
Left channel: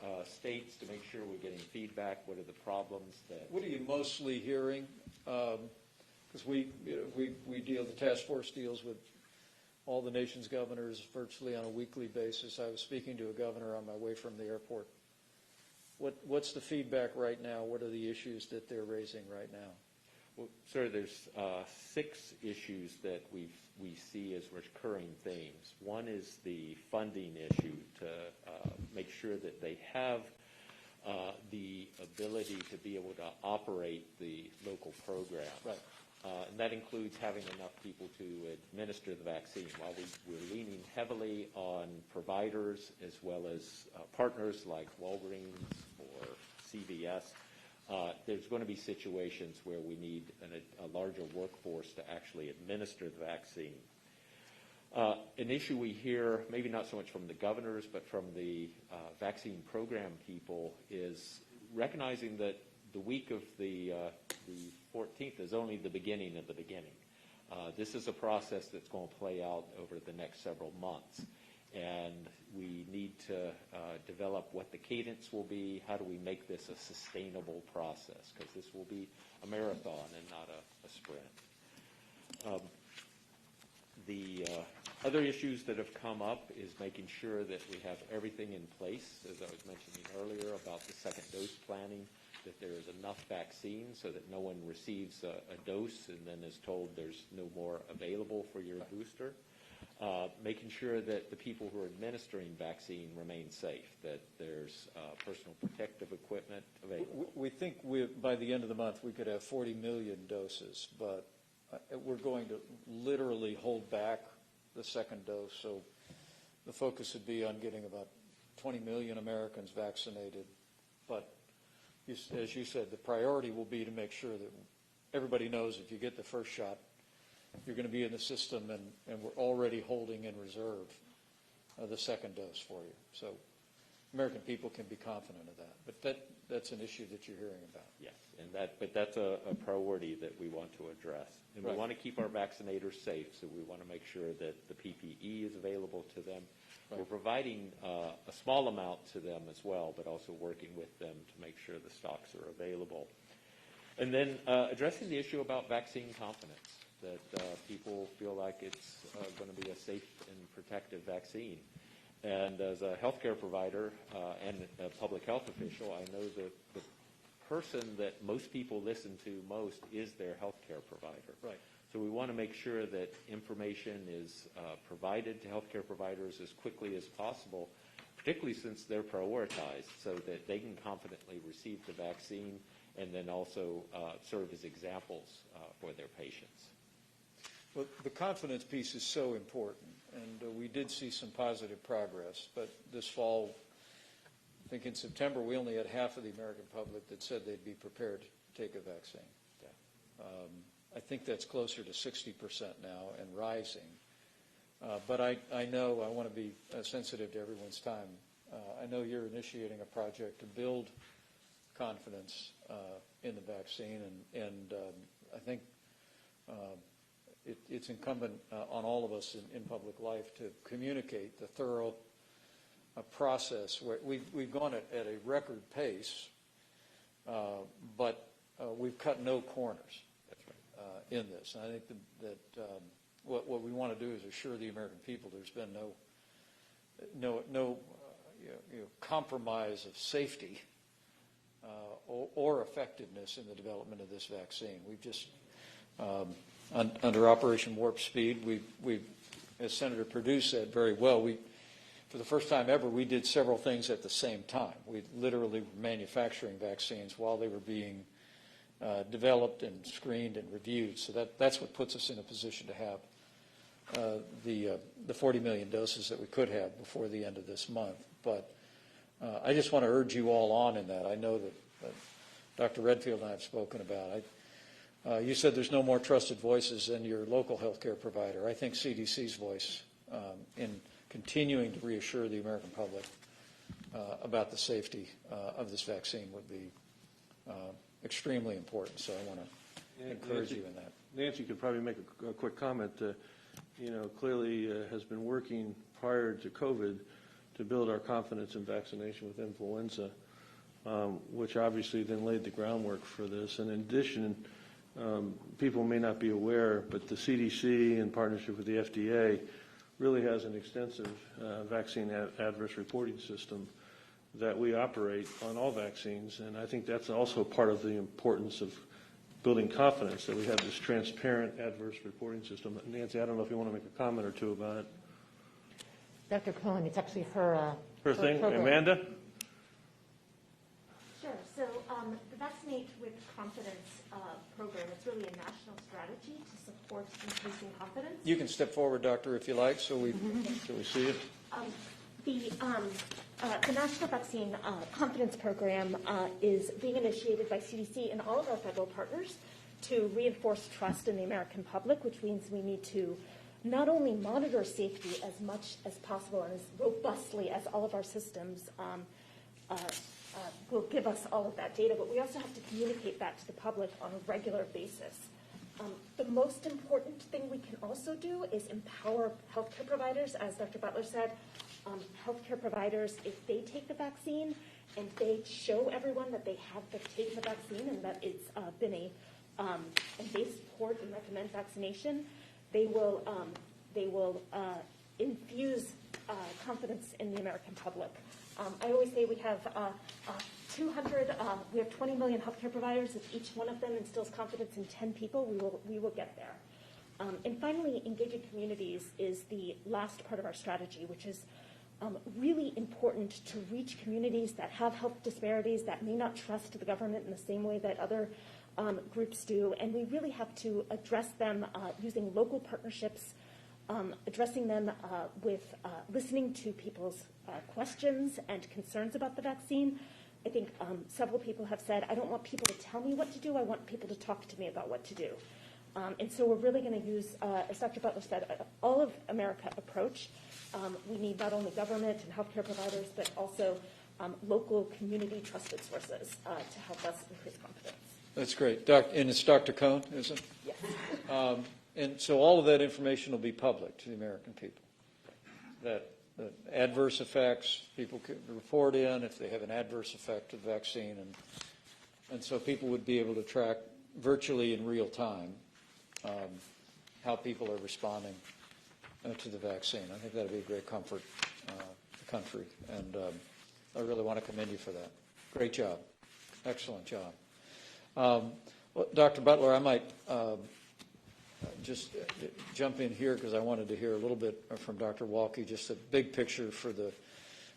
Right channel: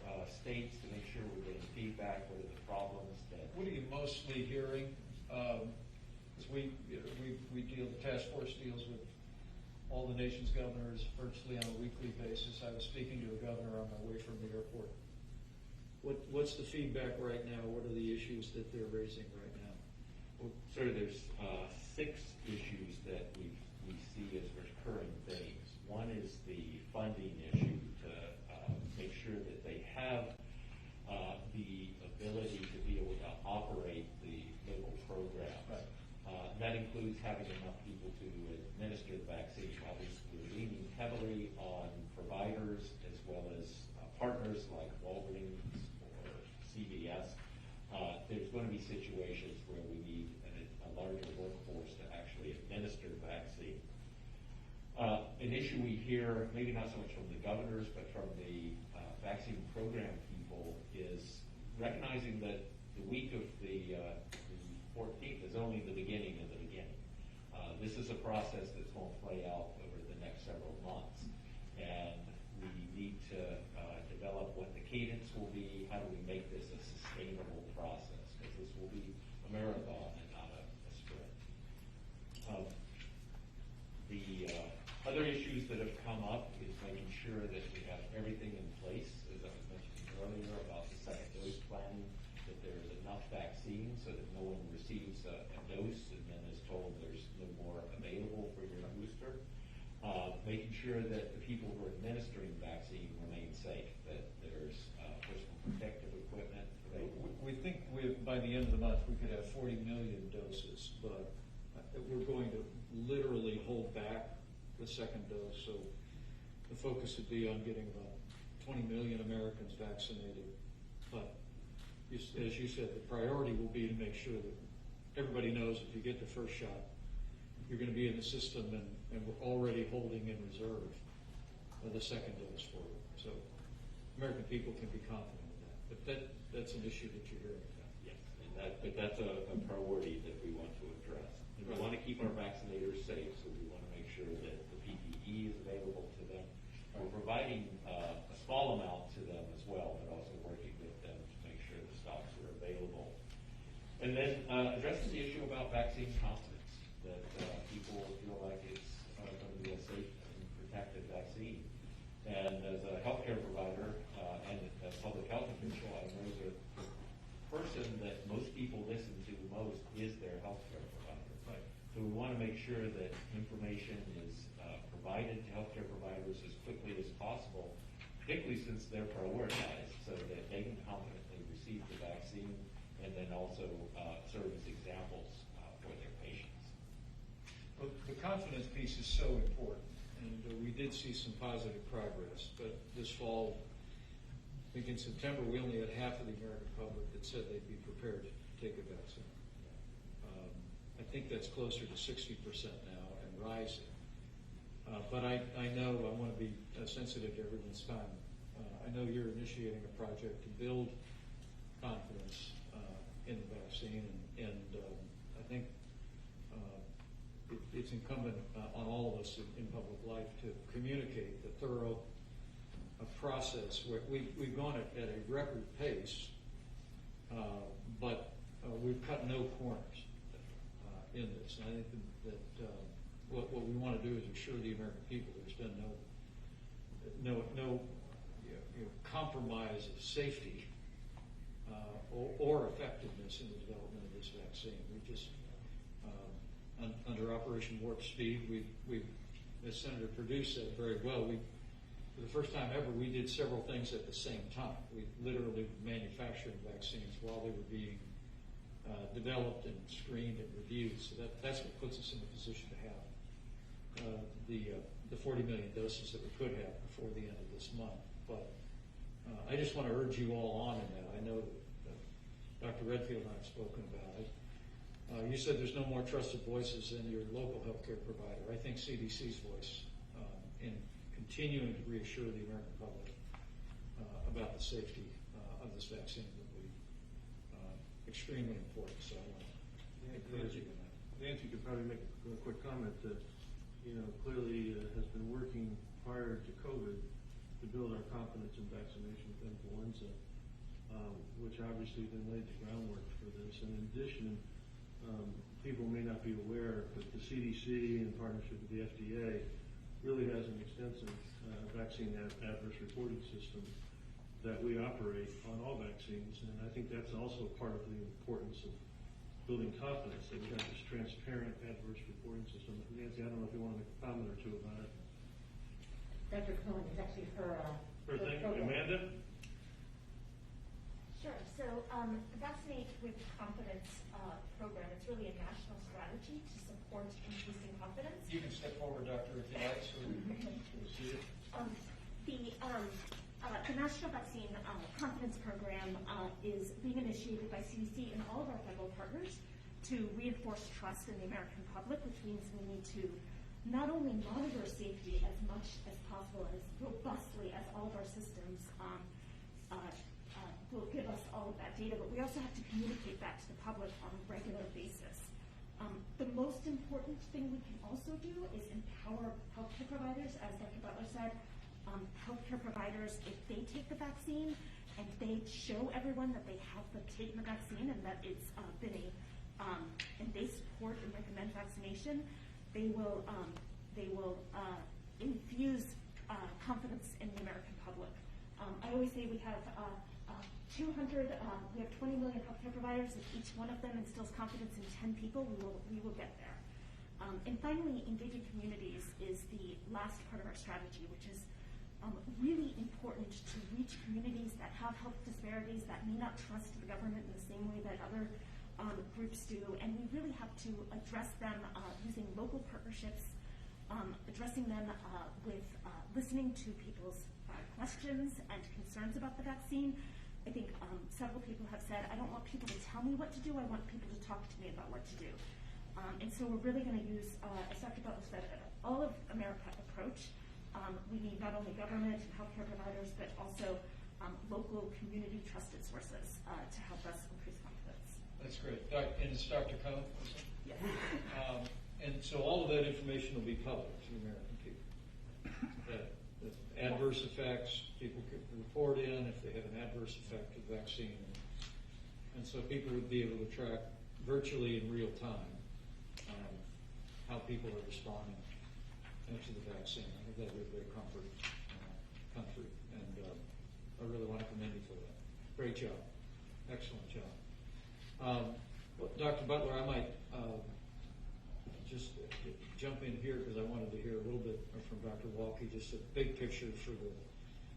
states to make sure we're getting feedback. What are the problems that? What are you mostly hearing? Because we deal, the task force deals with all the nation's governors virtually on a weekly basis. I was speaking to a governor on my way from the airport. What's the feedback right now? What are the issues that they're raising right now? Well, sir, there's 6 issues that we see as recurring themes. One is the funding issue to make sure that they have the ability to be able to operate the local program. Right. And that includes having enough people to administer the vaccine. While we're leaning heavily on providers as well as partners like Walgreens or CVS, there's going to be situations where we need a larger workforce to actually administer the vaccine. An issue we hear, maybe not so much from the governors, but from the vaccine program people, is recognizing that the week of the 14th is only the beginning of the beginning. This is a process that's going to play out over the next several months, and we need to develop what the cadence will be. How do we make this a sustainable process? Because this will be a marathon and not a sprint. The other issues that have come up is making sure that we have everything in place, as I was mentioning earlier about the second dose planning, that there is enough vaccine so that no one receives a dose and then is told there's no more available for your booster. Making sure that the people who are administering vaccine remain safe, that there's personal protective equipment available. We think by the end of the month we could have 40 million doses, but we're going to literally hold back the second dose. So the focus would be on getting about 20 million Americans vaccinated. But as you said, the priority will be to make sure that everybody knows if you get the first shot, you're going to be in the system, and we're already holding in reserve the second dose for you. So American people can be confident of that. But that's an issue that you're hearing about. Yes, but that's a priority that we want to address. And we want to keep our vaccinators safe, so we want to make sure that the PPE is available to them. We're providing a small amount to them as well, but also working with them to make sure the stocks are available. And then addressing the issue about vaccine confidence, that people feel like it's going to be a safe and protective vaccine. And as a healthcare provider and a public health official, I know that the person that most people listen to most is their healthcare provider. Right. So we want to make sure that information is provided to healthcare providers as quickly as possible, particularly since they're prioritized, so that they can confidently receive the vaccine and then also serve as examples for their patients. Well, the confidence piece is so important, and we did see some positive progress, but this fall, I think in September, we only had half of the American public that said they'd be prepared to take a vaccine. I think that's closer to 60% now and rising. But I know I want to be sensitive to everyone's time. I know you're initiating a project to build confidence in the vaccine, and I think it's incumbent on all of us in public life to communicate the thorough process. Where we've gone at a record pace, but we've cut no corners in this. And I think that what we want to do is assure the American people there's been no compromise of safety or effectiveness in the development of this vaccine. We've just under Operation Warp Speed, we, as Senator Perdue said very well, for the first time ever, we did several things at the same time. We literally were manufacturing vaccines while they were being developed and screened and reviewed. So that's what puts us in a position to have the 40 million doses that we could have before the end of this month. But I just want to urge you all on in that. I know that Dr. Redfield and I have spoken about it. You said there's no more trusted voices than your local healthcare provider. I think CDC's voice in continuing to reassure the American public about the safety of this vaccine would be extremely important. So I want to encourage you in that. Nancy could probably make a quick comment that, clearly has been working prior to COVID to build our confidence in vaccination with influenza, which obviously then laid the groundwork for this. And in addition, people may not be aware, but the CDC, in partnership with the FDA, really has an extensive vaccine adverse reporting system that we operate on all vaccines. And I think that's also part of the importance of building confidence, that we have this transparent adverse reporting system. Nancy, I don't know if you want to make a comment or two about it. Dr. Cohen, it's actually her thing. program. Amanda? Sure. So the Vaccinate with Confidence program, it's really a national strategy to support increasing confidence. You can step forward, Doctor, if you like, so we see it. The National Vaccine Confidence Program is being initiated by CDC and all of our federal partners to reinforce trust in the American public, which means we need to not only monitor safety as much as possible and as robustly as all of our systems will give us all of that data, but we also have to communicate that to the public on a regular basis. The most important thing we can also do is empower healthcare providers. As Dr. Butler said, healthcare providers, if they take the vaccine and they show everyone that they have taken the vaccine and that it's been and they support and recommend vaccination, they will infuse confidence in the American public. I always say we have 20 million healthcare providers. If each one of them instills confidence in 10 people, we will get there. And finally, engaging communities is the last part of our strategy, which is really important to reach communities that have health disparities, that may not trust the government in the same way that other groups do. And we really have to address them using local partnerships, addressing them with listening to people's questions and concerns about the vaccine. I think several people have said, I don't want people to tell me what to do, I want people to talk to me about what to do. And so we're really going to use, as Dr. Butler said, an all of America approach We need not only government and healthcare providers, but also local community trusted sources to help us increase confidence. That's great. And it's Dr. Cohn, isn't it? Yes. And so all of that information will be public to the American people. That adverse effects, people could report in if they have an adverse effect of the vaccine. And so people would be able to track virtually in real time how people are responding to the vaccine. I think that would be a great comfort country. And I really want to commend you for that. Great job. Excellent job. Well, Dr. Butler, I might just jump in here because I wanted to hear a little bit from Dr. Walke, just a big picture for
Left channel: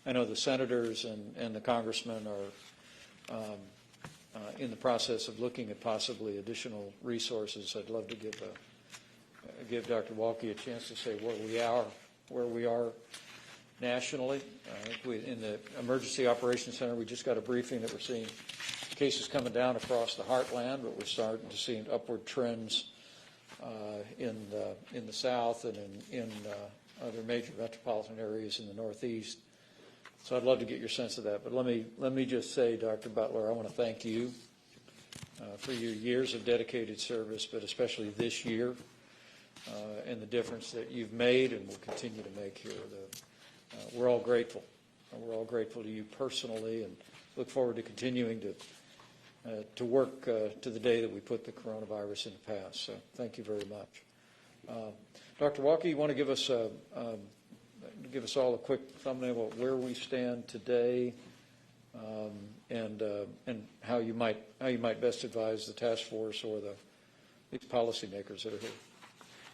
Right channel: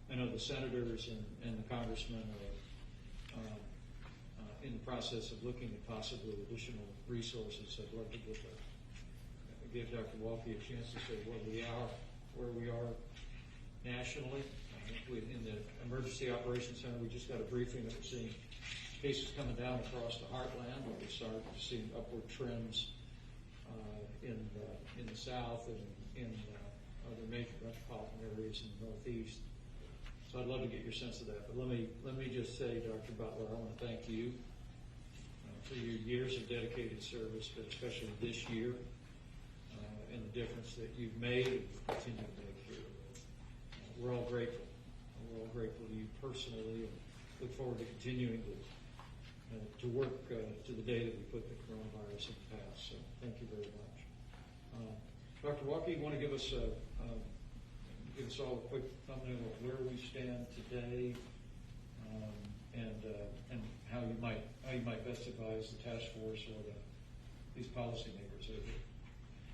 I know the senators and the congressmen are in the process of looking at possibly additional resources. I'd love to give Dr. Walke a chance to say where we are nationally. In the Emergency Operations Center, we just got a briefing that we're seeing cases coming down across the heartland, but we're starting to see upward trends in the South and in other major metropolitan areas in the Northeast. So I'd love to get your sense of that. But let me just say, Dr. Butler, I want to thank you for your years of dedicated service, but especially this year and the difference that you've made and will continue to make here. We're all grateful. We're all grateful to you personally and look forward to continuing to work to the day that we put the coronavirus in the past. So thank you very much. Dr. Walke, you want to give us all a quick thumbnail of where we stand today and how you might best advise the task force or these policymakers that are here.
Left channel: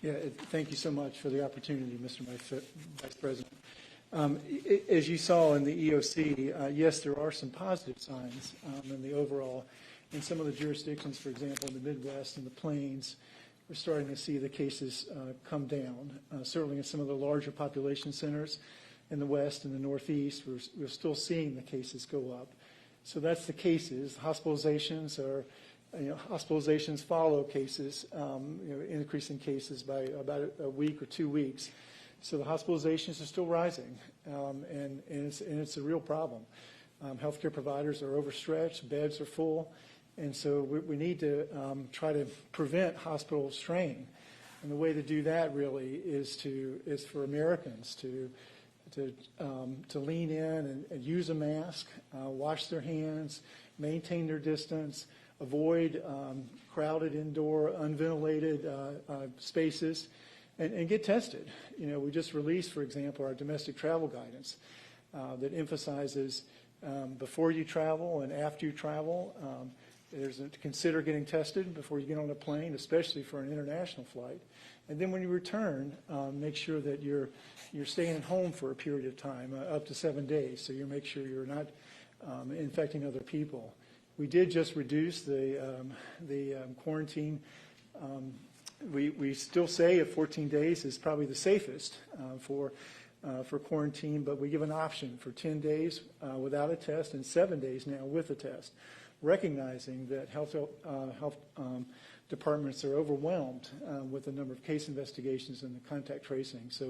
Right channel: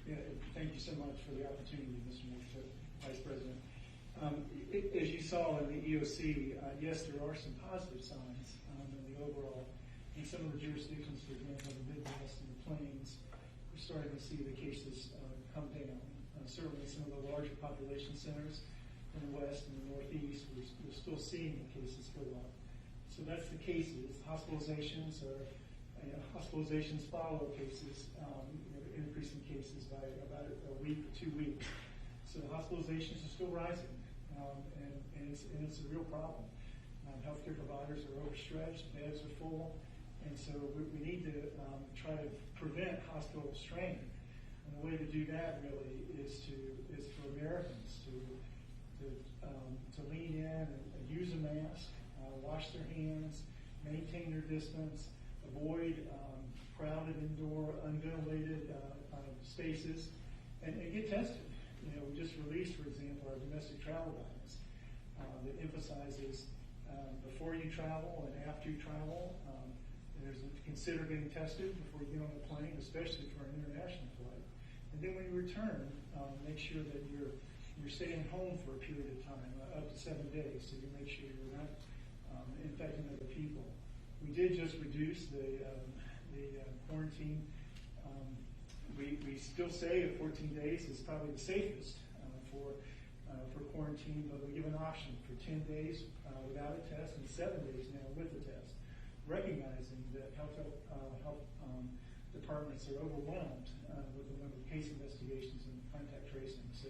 Yeah, thank you so much for the opportunity, Mr. Vice President. As you saw in the EOC, yes, there are some positive signs in the overall. In some of the jurisdictions, for example, in the Midwest and the Plains, we're starting to see the cases come down. Certainly in some of the larger population centers in the West and the Northeast, we're still seeing the cases go up. So that's the cases. Hospitalizations hospitalizations follow cases, increasing cases by about a week or 2 weeks. So the hospitalizations are still rising, and it's a real problem. Healthcare providers are overstretched, beds are full, and so we need to try to prevent hospital strain. And the way to do that really is for Americans to lean in and use a mask, wash their hands, maintain their distance, avoid crowded indoor, unventilated spaces, and get tested. We just released, for example, our domestic travel guidance that emphasizes before you travel and after you travel, consider getting tested before you get on a plane, especially for an international flight. And then when you return, make sure that you're staying home for a period of time, up to 7 days, so you make sure you're not infecting other people. We did just reduce the quarantine. We still say 14 days is probably the safest for quarantine, but we give an option for 10 days without a test and 7 days now with a test, recognizing that health departments are overwhelmed with the number of case investigations and the contact tracing. So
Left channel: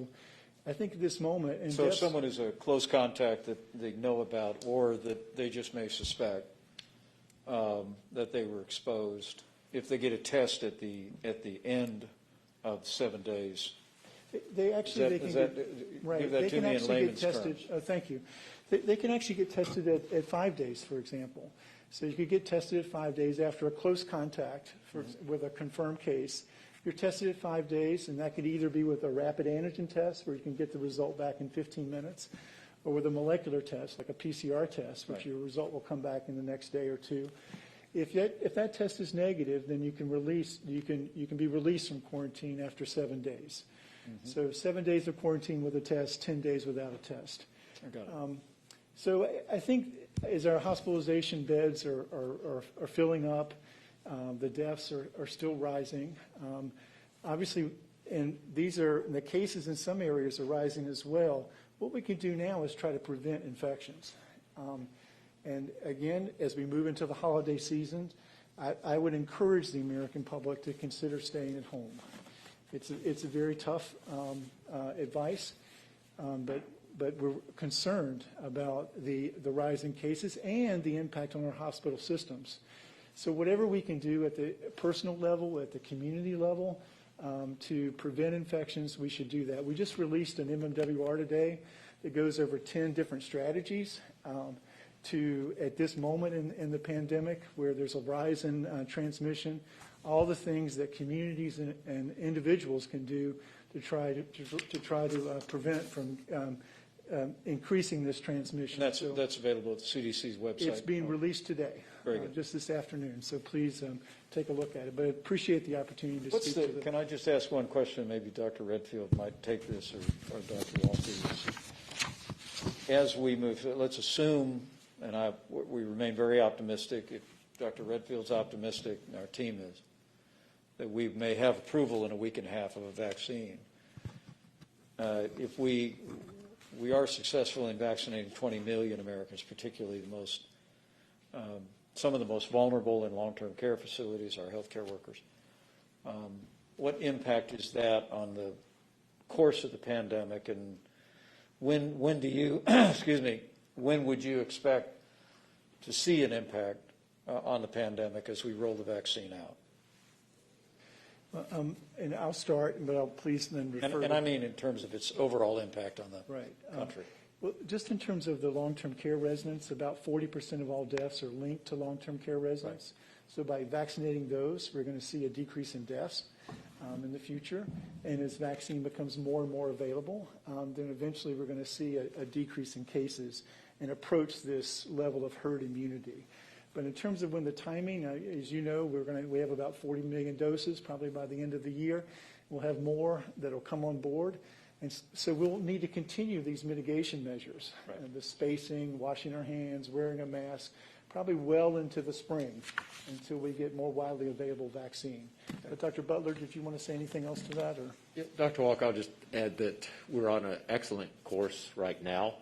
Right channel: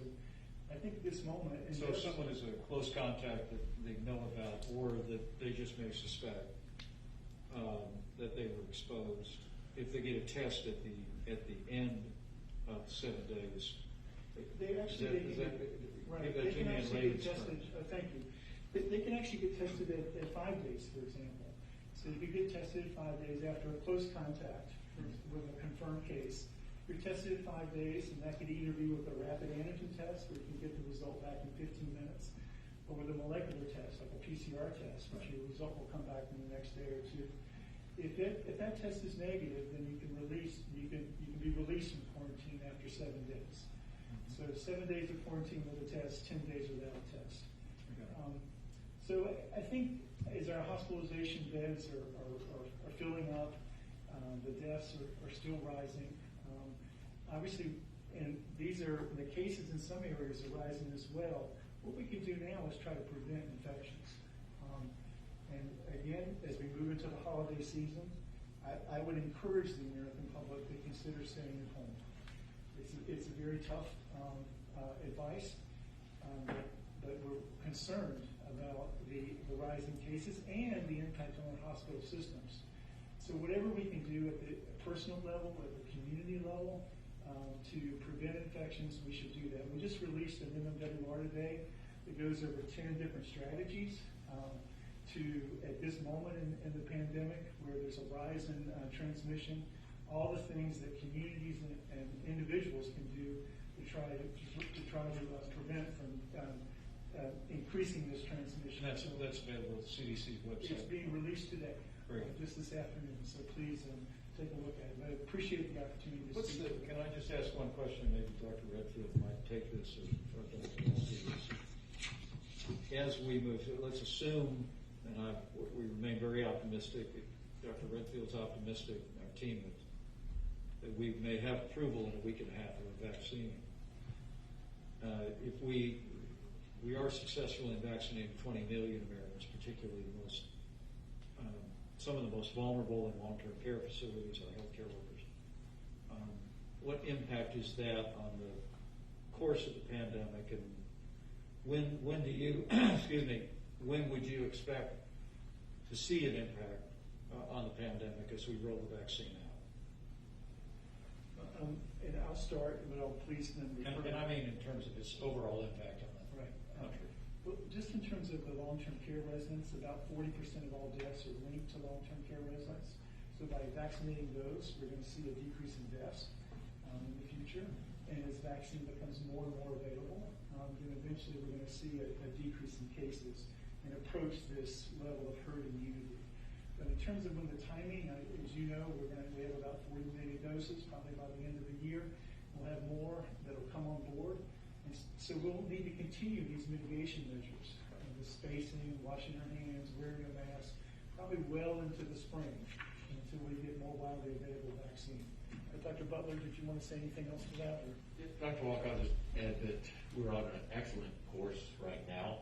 I think at this moment... So if someone is a close contact that they know about or that they just may suspect that they were exposed, if they get a test at the end of 7 days, they actually give that to me in layman's terms. Thank you. They can actually get tested at 5 days, for example. So you could get tested at 5 days after a close contact with a confirmed case. You're tested at 5 days, and that could either be with a rapid antigen test, where you can get the result back in 15 minutes, or with a molecular test, like a PCR test, which your result will come back in the next day or two. If that test is negative, then you can be released from quarantine after 7 days. Mm-hmm. So 7 days of quarantine with a test, 10 days without a test. So I think as our hospitalization beds are filling up, the deaths are still rising. Obviously, and the cases in some areas are rising as well. What we can do now is try to prevent infections. And again, as we move into the holiday season, I would encourage the American public to consider staying at home. It's a very tough advice, but we're concerned about the rise in cases and the impact on our hospital systems. So whatever we can do at the personal level, at the community level, to prevent infections, we should do that. We just released an MMWR today that goes over 10 different strategies to, at this moment in the pandemic, where there's a rise in transmission, all the things that communities and individuals can do to try to prevent from increasing this transmission. And that's available at the CDC's website. It's being released today, Very good. just this afternoon. So please take a look at it. But I appreciate the opportunity to speak to Can I just ask one question? Maybe Dr. Redfield might take this, or Dr. Walker. As we move, let's assume, and we remain very optimistic. If Dr. Redfield's optimistic, our team is, that we may have approval in a week and a half of a vaccine. If we are successful in vaccinating 20 million Americans, particularly some of the most vulnerable in long-term care facilities, our healthcare workers. What impact is that on the course of the pandemic, and when do you, excuse me, when would you expect to see an impact on the pandemic as we roll the vaccine out? And I'll start, but I'll please then refer. And I mean in terms of its overall impact on the country. Well, just in terms of the long-term care residents, about 40% of all deaths are linked to long-term care residents. Right. So by vaccinating those, we're going to see a decrease in deaths in the future. And as vaccine becomes more and more available, then eventually we're going to see a decrease in cases and approach this level of herd immunity. But in terms of when the timing, as you know, we have about 40 million doses probably by the end of the year. We'll have more that will come on board. And so we'll need to continue these mitigation measures, right. The spacing, washing our hands, wearing a mask, probably well into the spring until we get more widely available vaccine. But Dr. Butler, did you want to say anything else to that? Or? Yeah, Dr. Walker, I'll just add that we're on an excellent course right now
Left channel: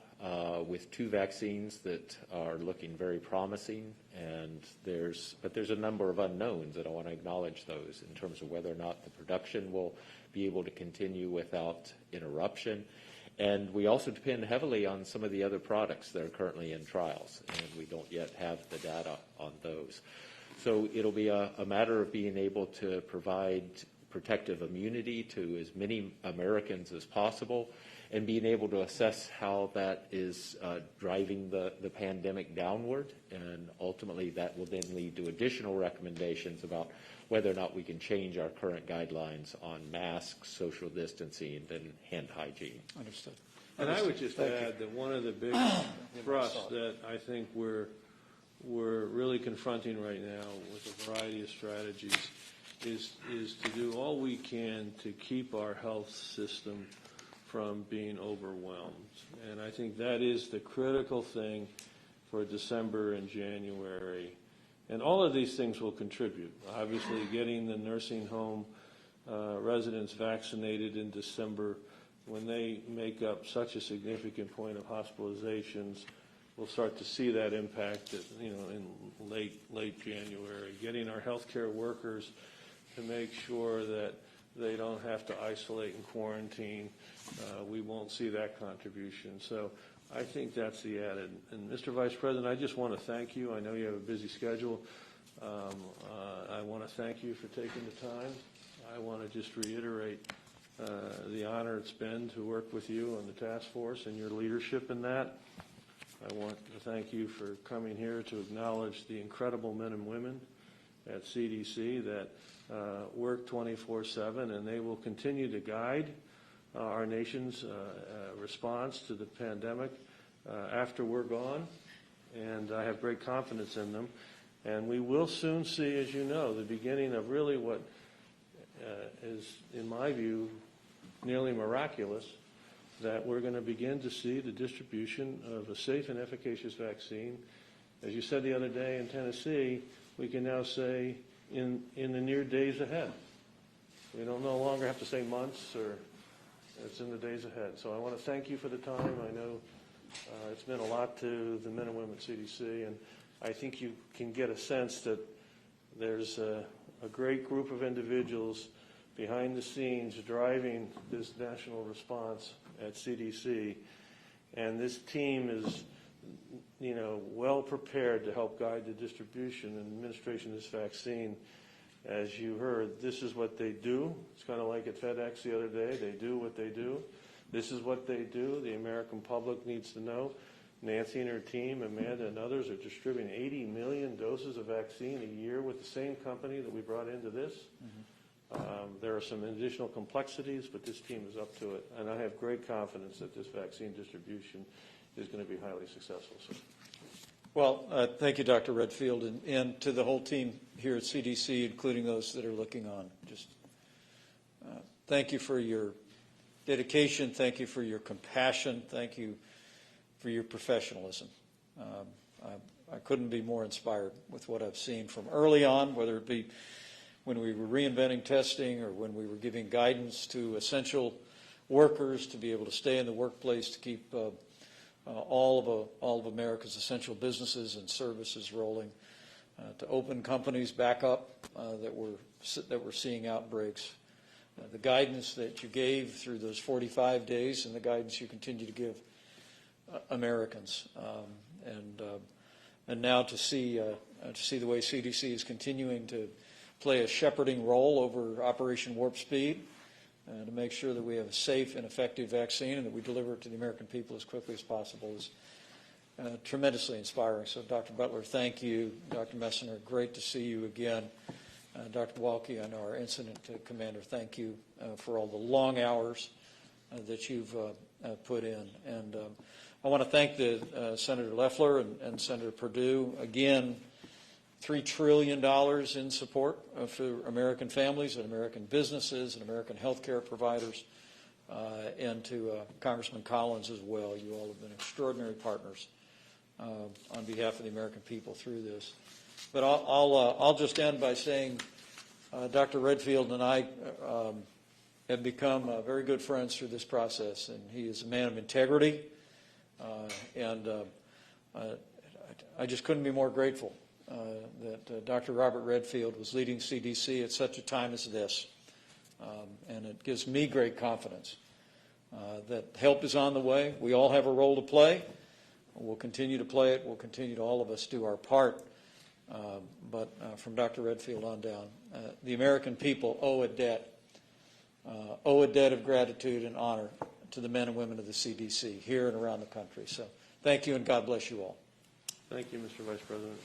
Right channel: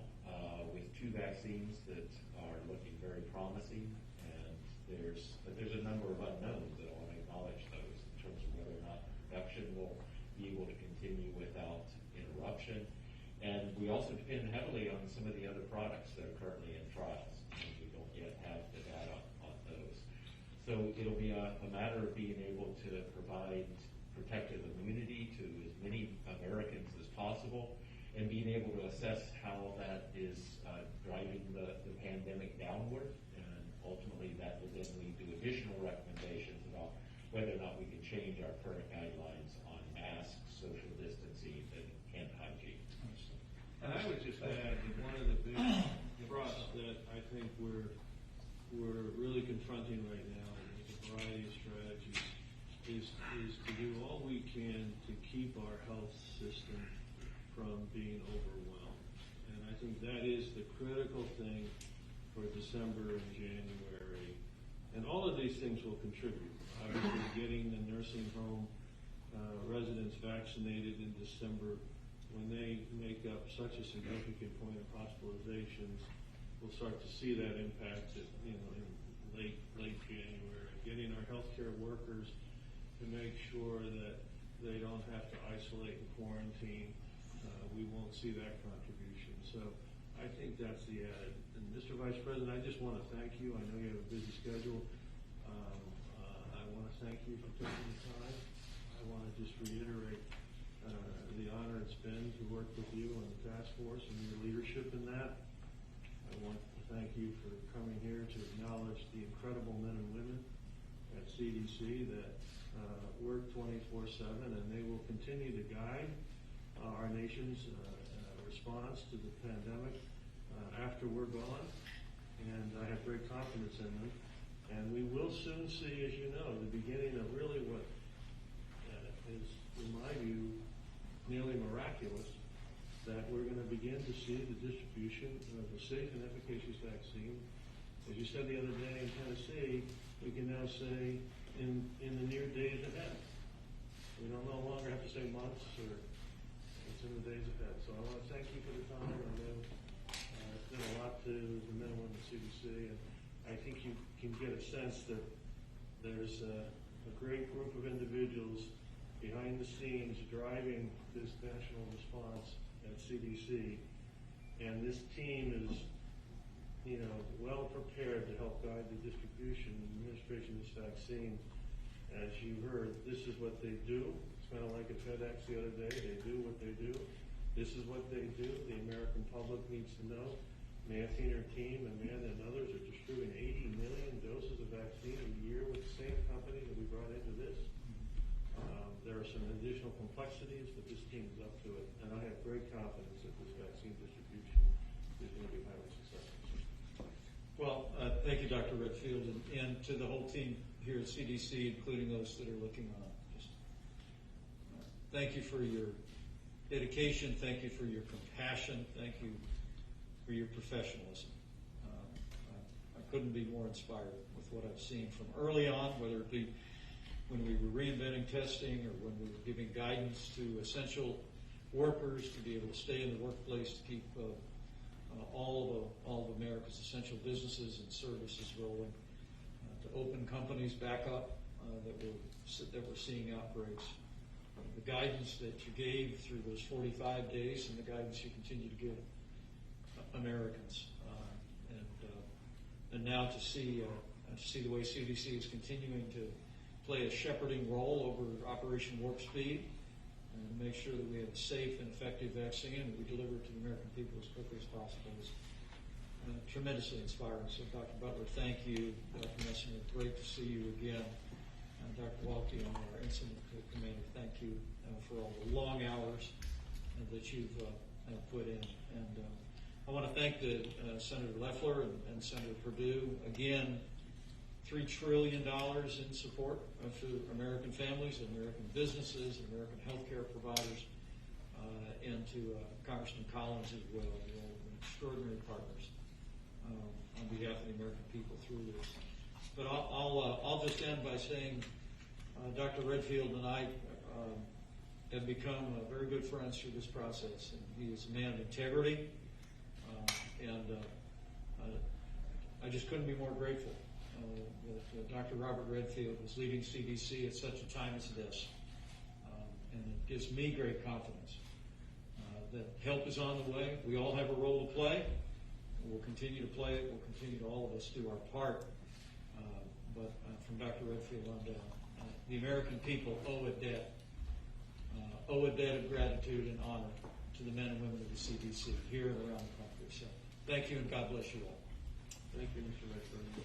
with 2 vaccines that are looking very promising, and there's a number of unknowns, and I want to acknowledge those in terms of whether or not the production will be able to continue without interruption. And we also depend heavily on some of the other products that are currently in trials, and we don't yet have the data on those. So it'll be a matter of being able to provide protective immunity to as many Americans as possible, and being able to assess how that is driving the pandemic downward, and ultimately that will then lead to additional recommendations about whether or not we can change our current guidelines on masks, social distancing, and hand hygiene. Understood. And I would just add that one of the big thrusts that I think we're really confronting right now with a variety of strategies is to do all we can to keep our health system from being overwhelmed. And I think that is the critical thing for December and January. And all of these things will contribute. Obviously, getting the nursing home residents vaccinated in December, when they make up such a significant point of hospitalizations, we'll start to see that impact in late January. Getting our healthcare workers to make sure that they don't have to isolate and quarantine, we won't see that contribution. So I think that's the added. And Mr. Vice President, I just want to thank you. I know you have a busy schedule. I want to thank you for taking the time. I want to just reiterate the honor it's been to work with you on the task force and your leadership in that. I want to thank you for coming here to acknowledge the incredible men and women at CDC that work 24/7, and they will continue to guide our nation's response to the pandemic after we're gone, and I have great confidence in them. And we will soon see, as you know, the beginning of really what is, in my view, nearly miraculous, that we're going to begin to see the distribution of a safe and efficacious vaccine. As you said the other day in Tennessee, we can now say in the near days ahead. We don't no longer have to say months, or it's in the days ahead. So I want to thank you for the time. I know it's meant a lot to the men and women at CDC, and I think you can get a sense that there's a great group of individuals behind the scenes driving this national response at CDC, and this team is, well prepared to help guide the distribution and administration of this vaccine. As you heard, this is what they do. It's kind of like at FedEx the other day. They do what they do. This is what they do. The American public needs to know. Nancy and her team, Amanda and others, are distributing 80 million doses of vaccine a year with the same company that we brought into this. There are some additional complexities, but this team is up to it. And I have great confidence that this vaccine distribution is going to be highly successful. Well, thank you, Dr. Redfield, and to the whole team here at CDC, including those that are looking on. Just thank you for your dedication. Thank you for your compassion. Thank you for your professionalism. I couldn't be more inspired with what I've seen from early on, whether it be when we were reinventing testing or when we were giving guidance to essential workers to be able to stay in the workplace to keep all of America's essential businesses and services rolling, to open companies back up that were seeing outbreaks. The guidance that you gave through those 45 days and the guidance you continue to give Americans, and now to see the way CDC is continuing to play a shepherding role over Operation Warp Speed, and to make sure that we have a safe and effective vaccine and that we deliver it to the American people as quickly as possible is tremendously inspiring. So, Dr. Butler, thank you. Dr. Messner, great to see you again. Dr. Walke, I know our incident commander, thank you for all the long hours that you've put in. And I want to thank Senator Loeffler and Senator Perdue again. $3 trillion in support for American families and American businesses and American healthcare providers, and to Congressman Collins as well. You all have been extraordinary partners on behalf of the American people through this. But I'll just end by saying Dr. Redfield and I have become very good friends through this process, and he is a man of integrity, and I just couldn't be more grateful that Dr. Robert Redfield was leading CDC at such a time as this. And it gives me great confidence that help is on the way. We all have a role to play. We'll continue to play it. We'll continue to all of us do our part. But from Dr. Redfield on down, the American people owe a debt of gratitude and honor to the men and women of the CDC here and around the country. So thank you, and God bless you all. Thank you, Mr. Vice President.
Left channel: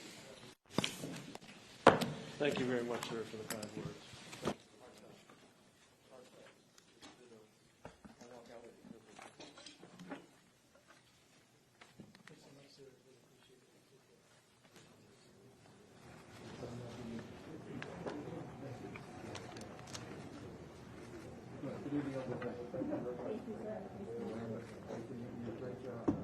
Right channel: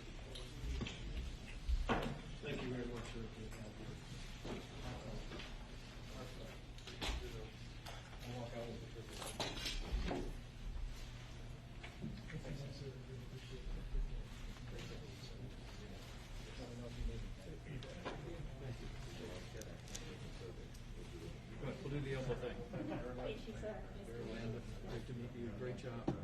Thank you very much, sir, for the kind words. Great job.